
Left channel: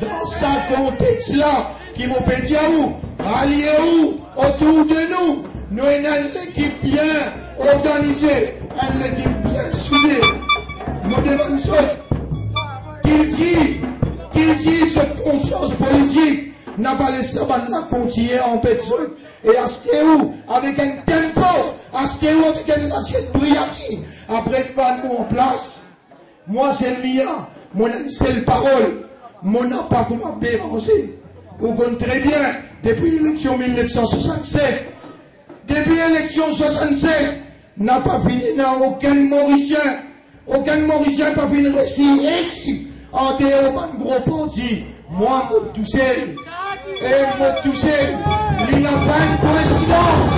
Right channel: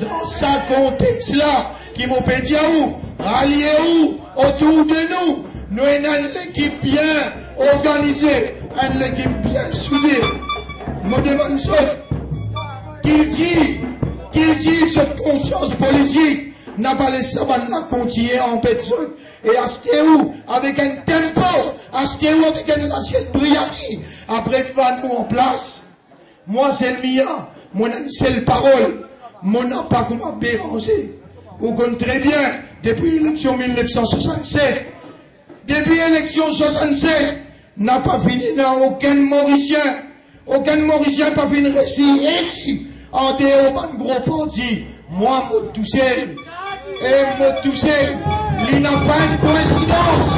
Dans ce contexte-là, qui m'ont pété à où, ralliez où, autour de nous, nous avons une équipe bien organisée, une équipe bien soudée. Je me demande qu'il dit cette conscience politique n'a pas laissé la continuer en personne. Et acheter où, avec un tempo, acheter où, avec une assiette brillante, après va nous en place. Moi, c'est le mien, mon seule parole. Mon n'a pas comment béranger. Vous connaissez très bien, depuis l'élection 1967, depuis l'élection 67, n'a pas fini dans aucun Mauricien n'a pas fini récit écrit en dehors d'un gros parti. Moi, je touché, et je touché, il n'a pas une coïncidence.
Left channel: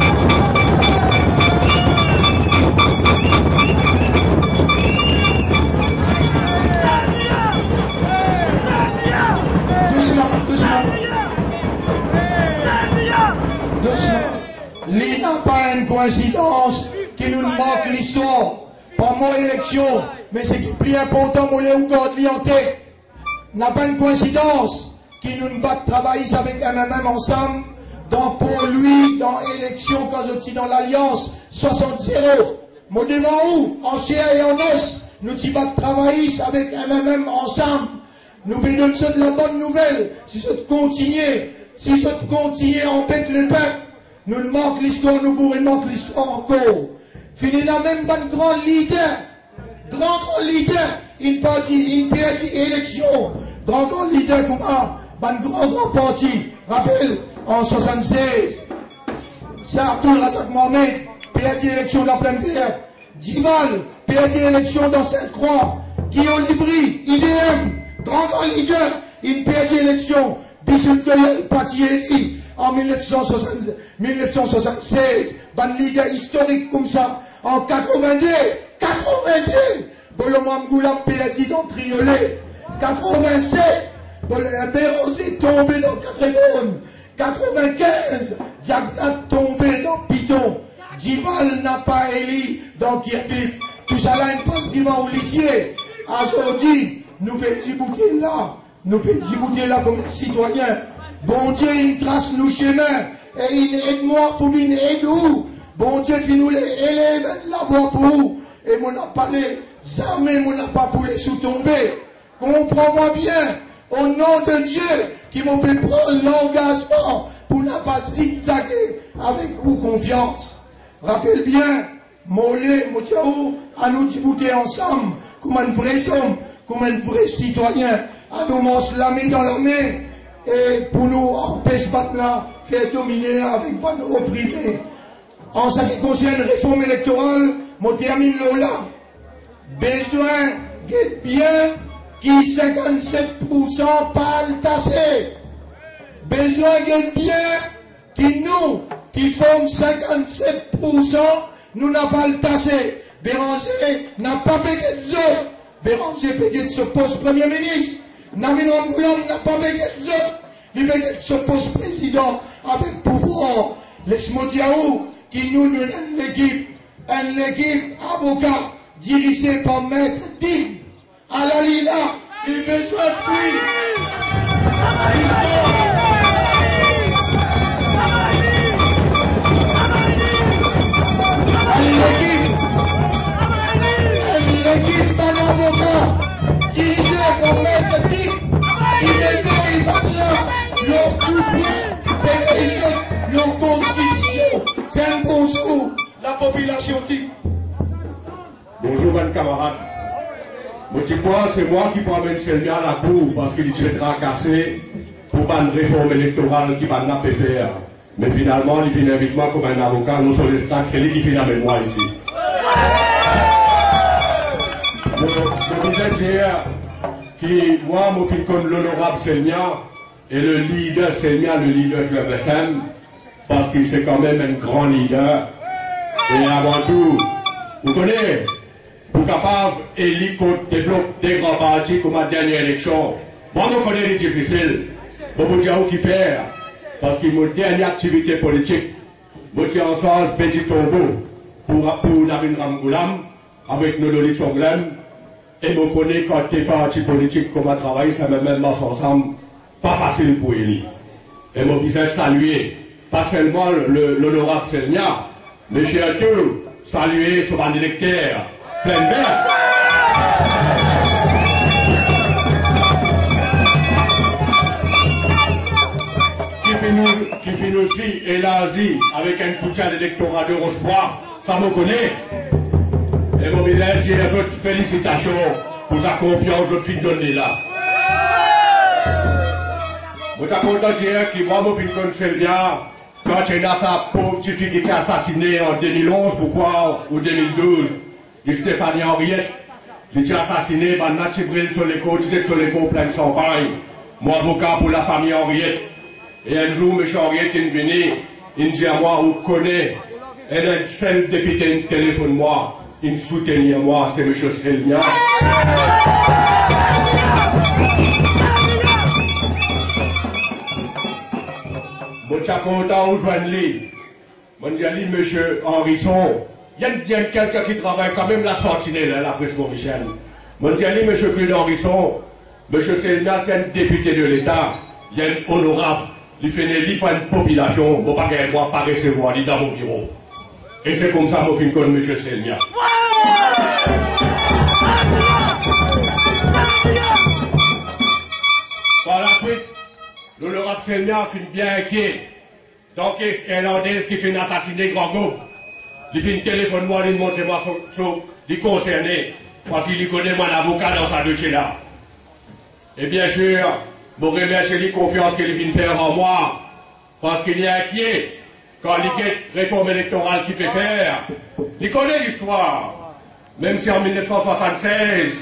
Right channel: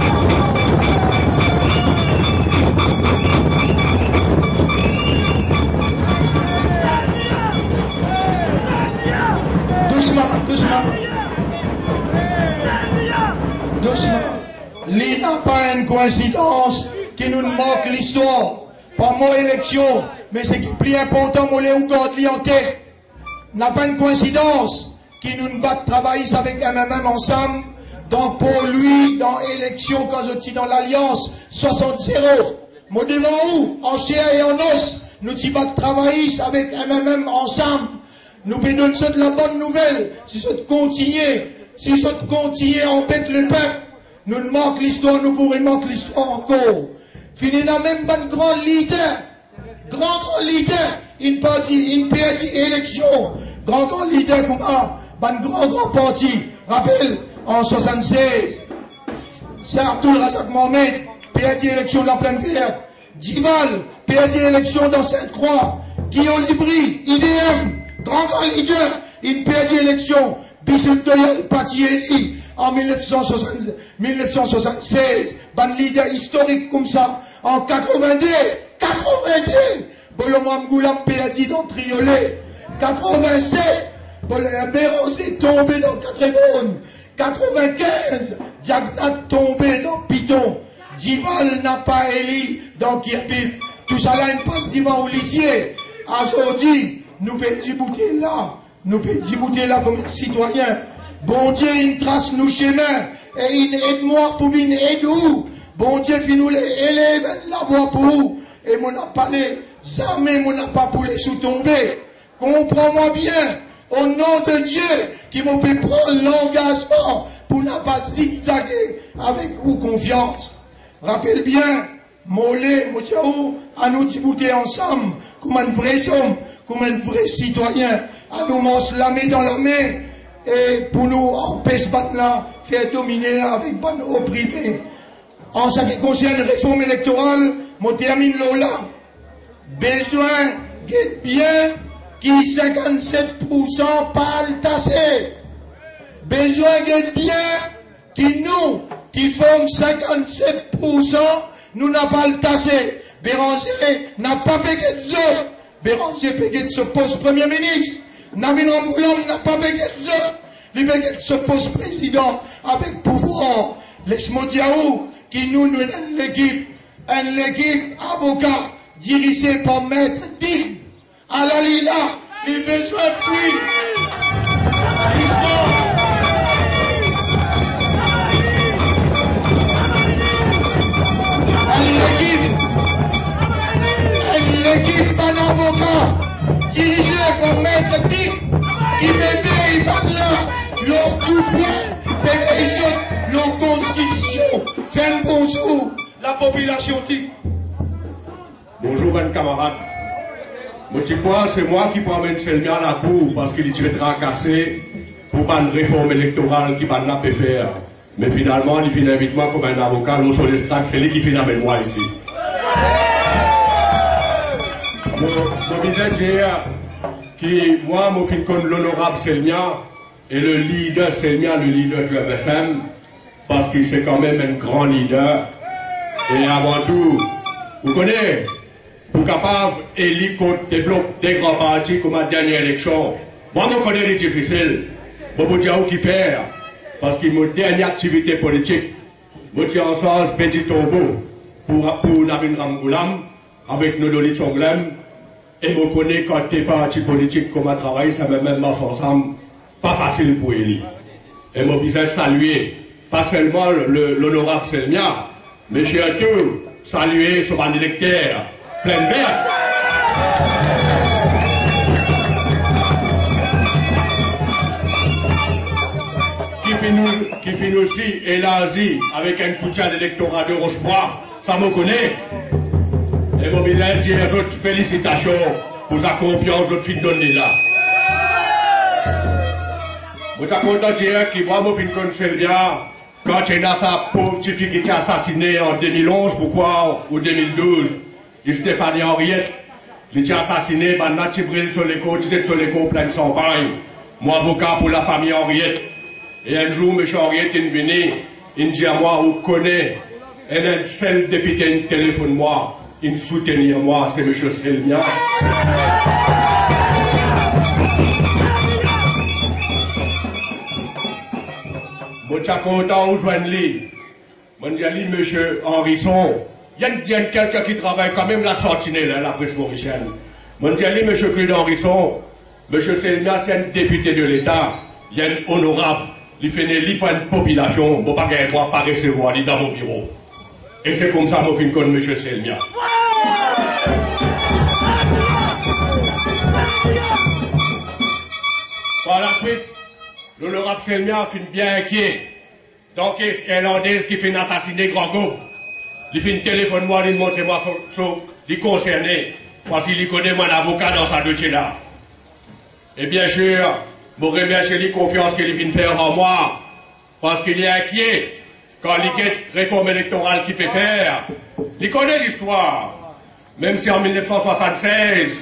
Doucement. Il n'a pas une coïncidence qui nous manque l'histoire. Pas mon élection, mais c'est qui est plus important, mon Léo Gordli en tête. N'a pas une coïncidence qui nous bat travailler avec MMM ensemble dans pour lui, dans l'élection, quand je suis dans l'Alliance 60-0. Moi devant où, en chair et en os, nous y bat travailler avec MMM ensemble. Nous pouvons donner de la bonne nouvelle. Si je continue à embêter le peuple, nous ne manquons l'histoire, nous pourrions manquer l'histoire encore. Fini dans même pas de grand leader, une perdue élection, grand leader comme un grand parti. Rappelle, en 76, c'est Abdul Razak Mohamed, perdue élection dans pleine verte. Dival, perdue élection dans Sainte-Croix. Guillaume Livry, IDM, grand leader, une perdue élection. Bichul Doyal Patieli, en 1976, ban leader historique comme ça, en 82, Bolomram Goulam Peladi dans Triolet, 87, Bérosé tombé dans Catrébonne, 95, Diagnat tombé dans Piton, Dival n'a pas élu dans Kirpip, tout ça là, une passe divan au lycée. Aujourd'hui, nous pouvons débouter là comme citoyens. Bon Dieu, il trace nos chemins et il aide-moi pour venir aider où. Bon Dieu, il nous les élève la voie pour où. Et mon n'a pas les jamais, mon n'a pas pour les sous-tomber. Comprends-moi bien, au nom de Dieu, qui m'a fait prendre l'engagement pour ne pas zigzaguer avec vous confiance. Rappelle bien, Mollet, Moutiaou, à nous débouter ensemble, comme un vrai homme, comme un vrai citoyen, à nous manger la main dans la main, et pour nous empêcher là, faire dominer avec nos opprimés. En ce qui concerne la réforme électorale, je termine là. Besoin d'être bien qui 57% pas le tasser. Besoin d'être bien qui nous, qui font 57%, nous n'a pas le tasser. Béranger n'a pas payé de zo. Béranger payé de ce poste Premier ministre. Navin Ramboulom n'a pas payé de zo. Il payé de ce poste président avec pouvoir. Laisse-moi dire qui nous une l'équipe avocat dirigée par Maître Digne. À la Lila, il besoin de lui. L'équipe d'un avocat dirigé par Maître Dick qui veille par là leur tout point, leur constitution. Fait un bonjour, la population dit. Bonjour, mes camarades. C'est moi qui promène Selmia à la cour parce qu'il est tracassé pour pas une réforme électorale qui va pas faire. Mais finalement, il finit avec moi comme un avocat, non sur l'estrade, c'est lui qui finit avec moi ici. Je disais hier que moi, je suis comme l'honorable Selmia et le leader Selmia, le leader du FSM, parce qu'il c'est quand même un grand leader. Et avant tout, vous connaissez, vous capable d'élire contre des blocs, des grands partis comme la dernière élection. Moi, je connais les difficiles. Je vous dire qui faire. Parce que mon dernière activité politique, je suis en sens petit tombeau pour Navin Ramgoulam, avec nos Loli Chonglem. Et je connais quand des partis politiques comme à travailler, ça me même marche ensemble, pas facile pour élire. Et je disais saluer, pas seulement l'honorable Selmia, mais surtout saluer sur un électeur plein vert. Qui finit aussi élargi avec un soutien d'électorat de Rochebois, ça me connaît. Et mon bilan dit les autres félicitations pour sa confiance que je suis donnée là. Je suis content de dire que moi, je suis connu bien quand il y a sa pauvre petite fille qui était assassinée en 2011, pourquoi, ou 2012, et Stéphanie Henriette, il était assassiné par Nati Bril sur les côtes, c'était sur les côtes plein de champagne. Moi, avocat pour la famille Henriette. Et un jour, M. Henriette est venu, il dit à moi, vous connaissez, et un seul député, il téléphone moi. Il soutenir moi, c'est M. Selmia. Je suis content de joindre lui. Je dis à lui, M. Henrisson, il y a quelqu'un qui travaille quand même la sentinelle, la presse mauricienne. Je dis à lui, M. Claude Henrisson, M. Selmia, c'est un député de l'État, il est honorable, il fait une pour une population, il ne peut pas recevoir dans mon bureau. Et c'est comme ça que je connais M. Selmia. Par la suite, l'honorable Selmia finit bien inquiet. Donc, est-ce Irlandaise qui fait assassiner Grand-Go? Il fait un téléphone, moi, il montre moi les concernés, parce qu'il connaît mon avocat dans sa dossier là. Et bien sûr, je remercie la confiance qu'il vient faire en moi, parce qu'il est inquiet. Quand il y a une réforme électorale qu'il peut faire, il connaît l'histoire. Même si en 1976,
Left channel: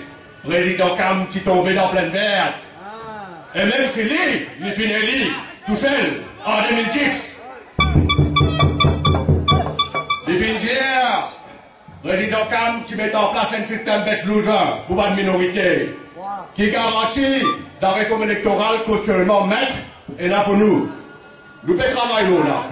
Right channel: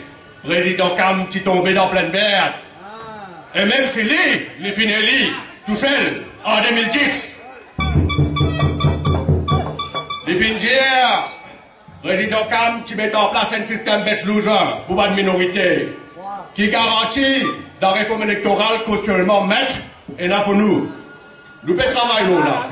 président Cam est tombé dans pleine verte. Et même si lui, il finit tout seul en 2010. Il finit dire, président Cam, tu mets en place un système bêche-loser pour pas de minorité, qui garantit dans la réforme électorale qu'actuellement maître et là pour nous. Nous pouvons travailler là.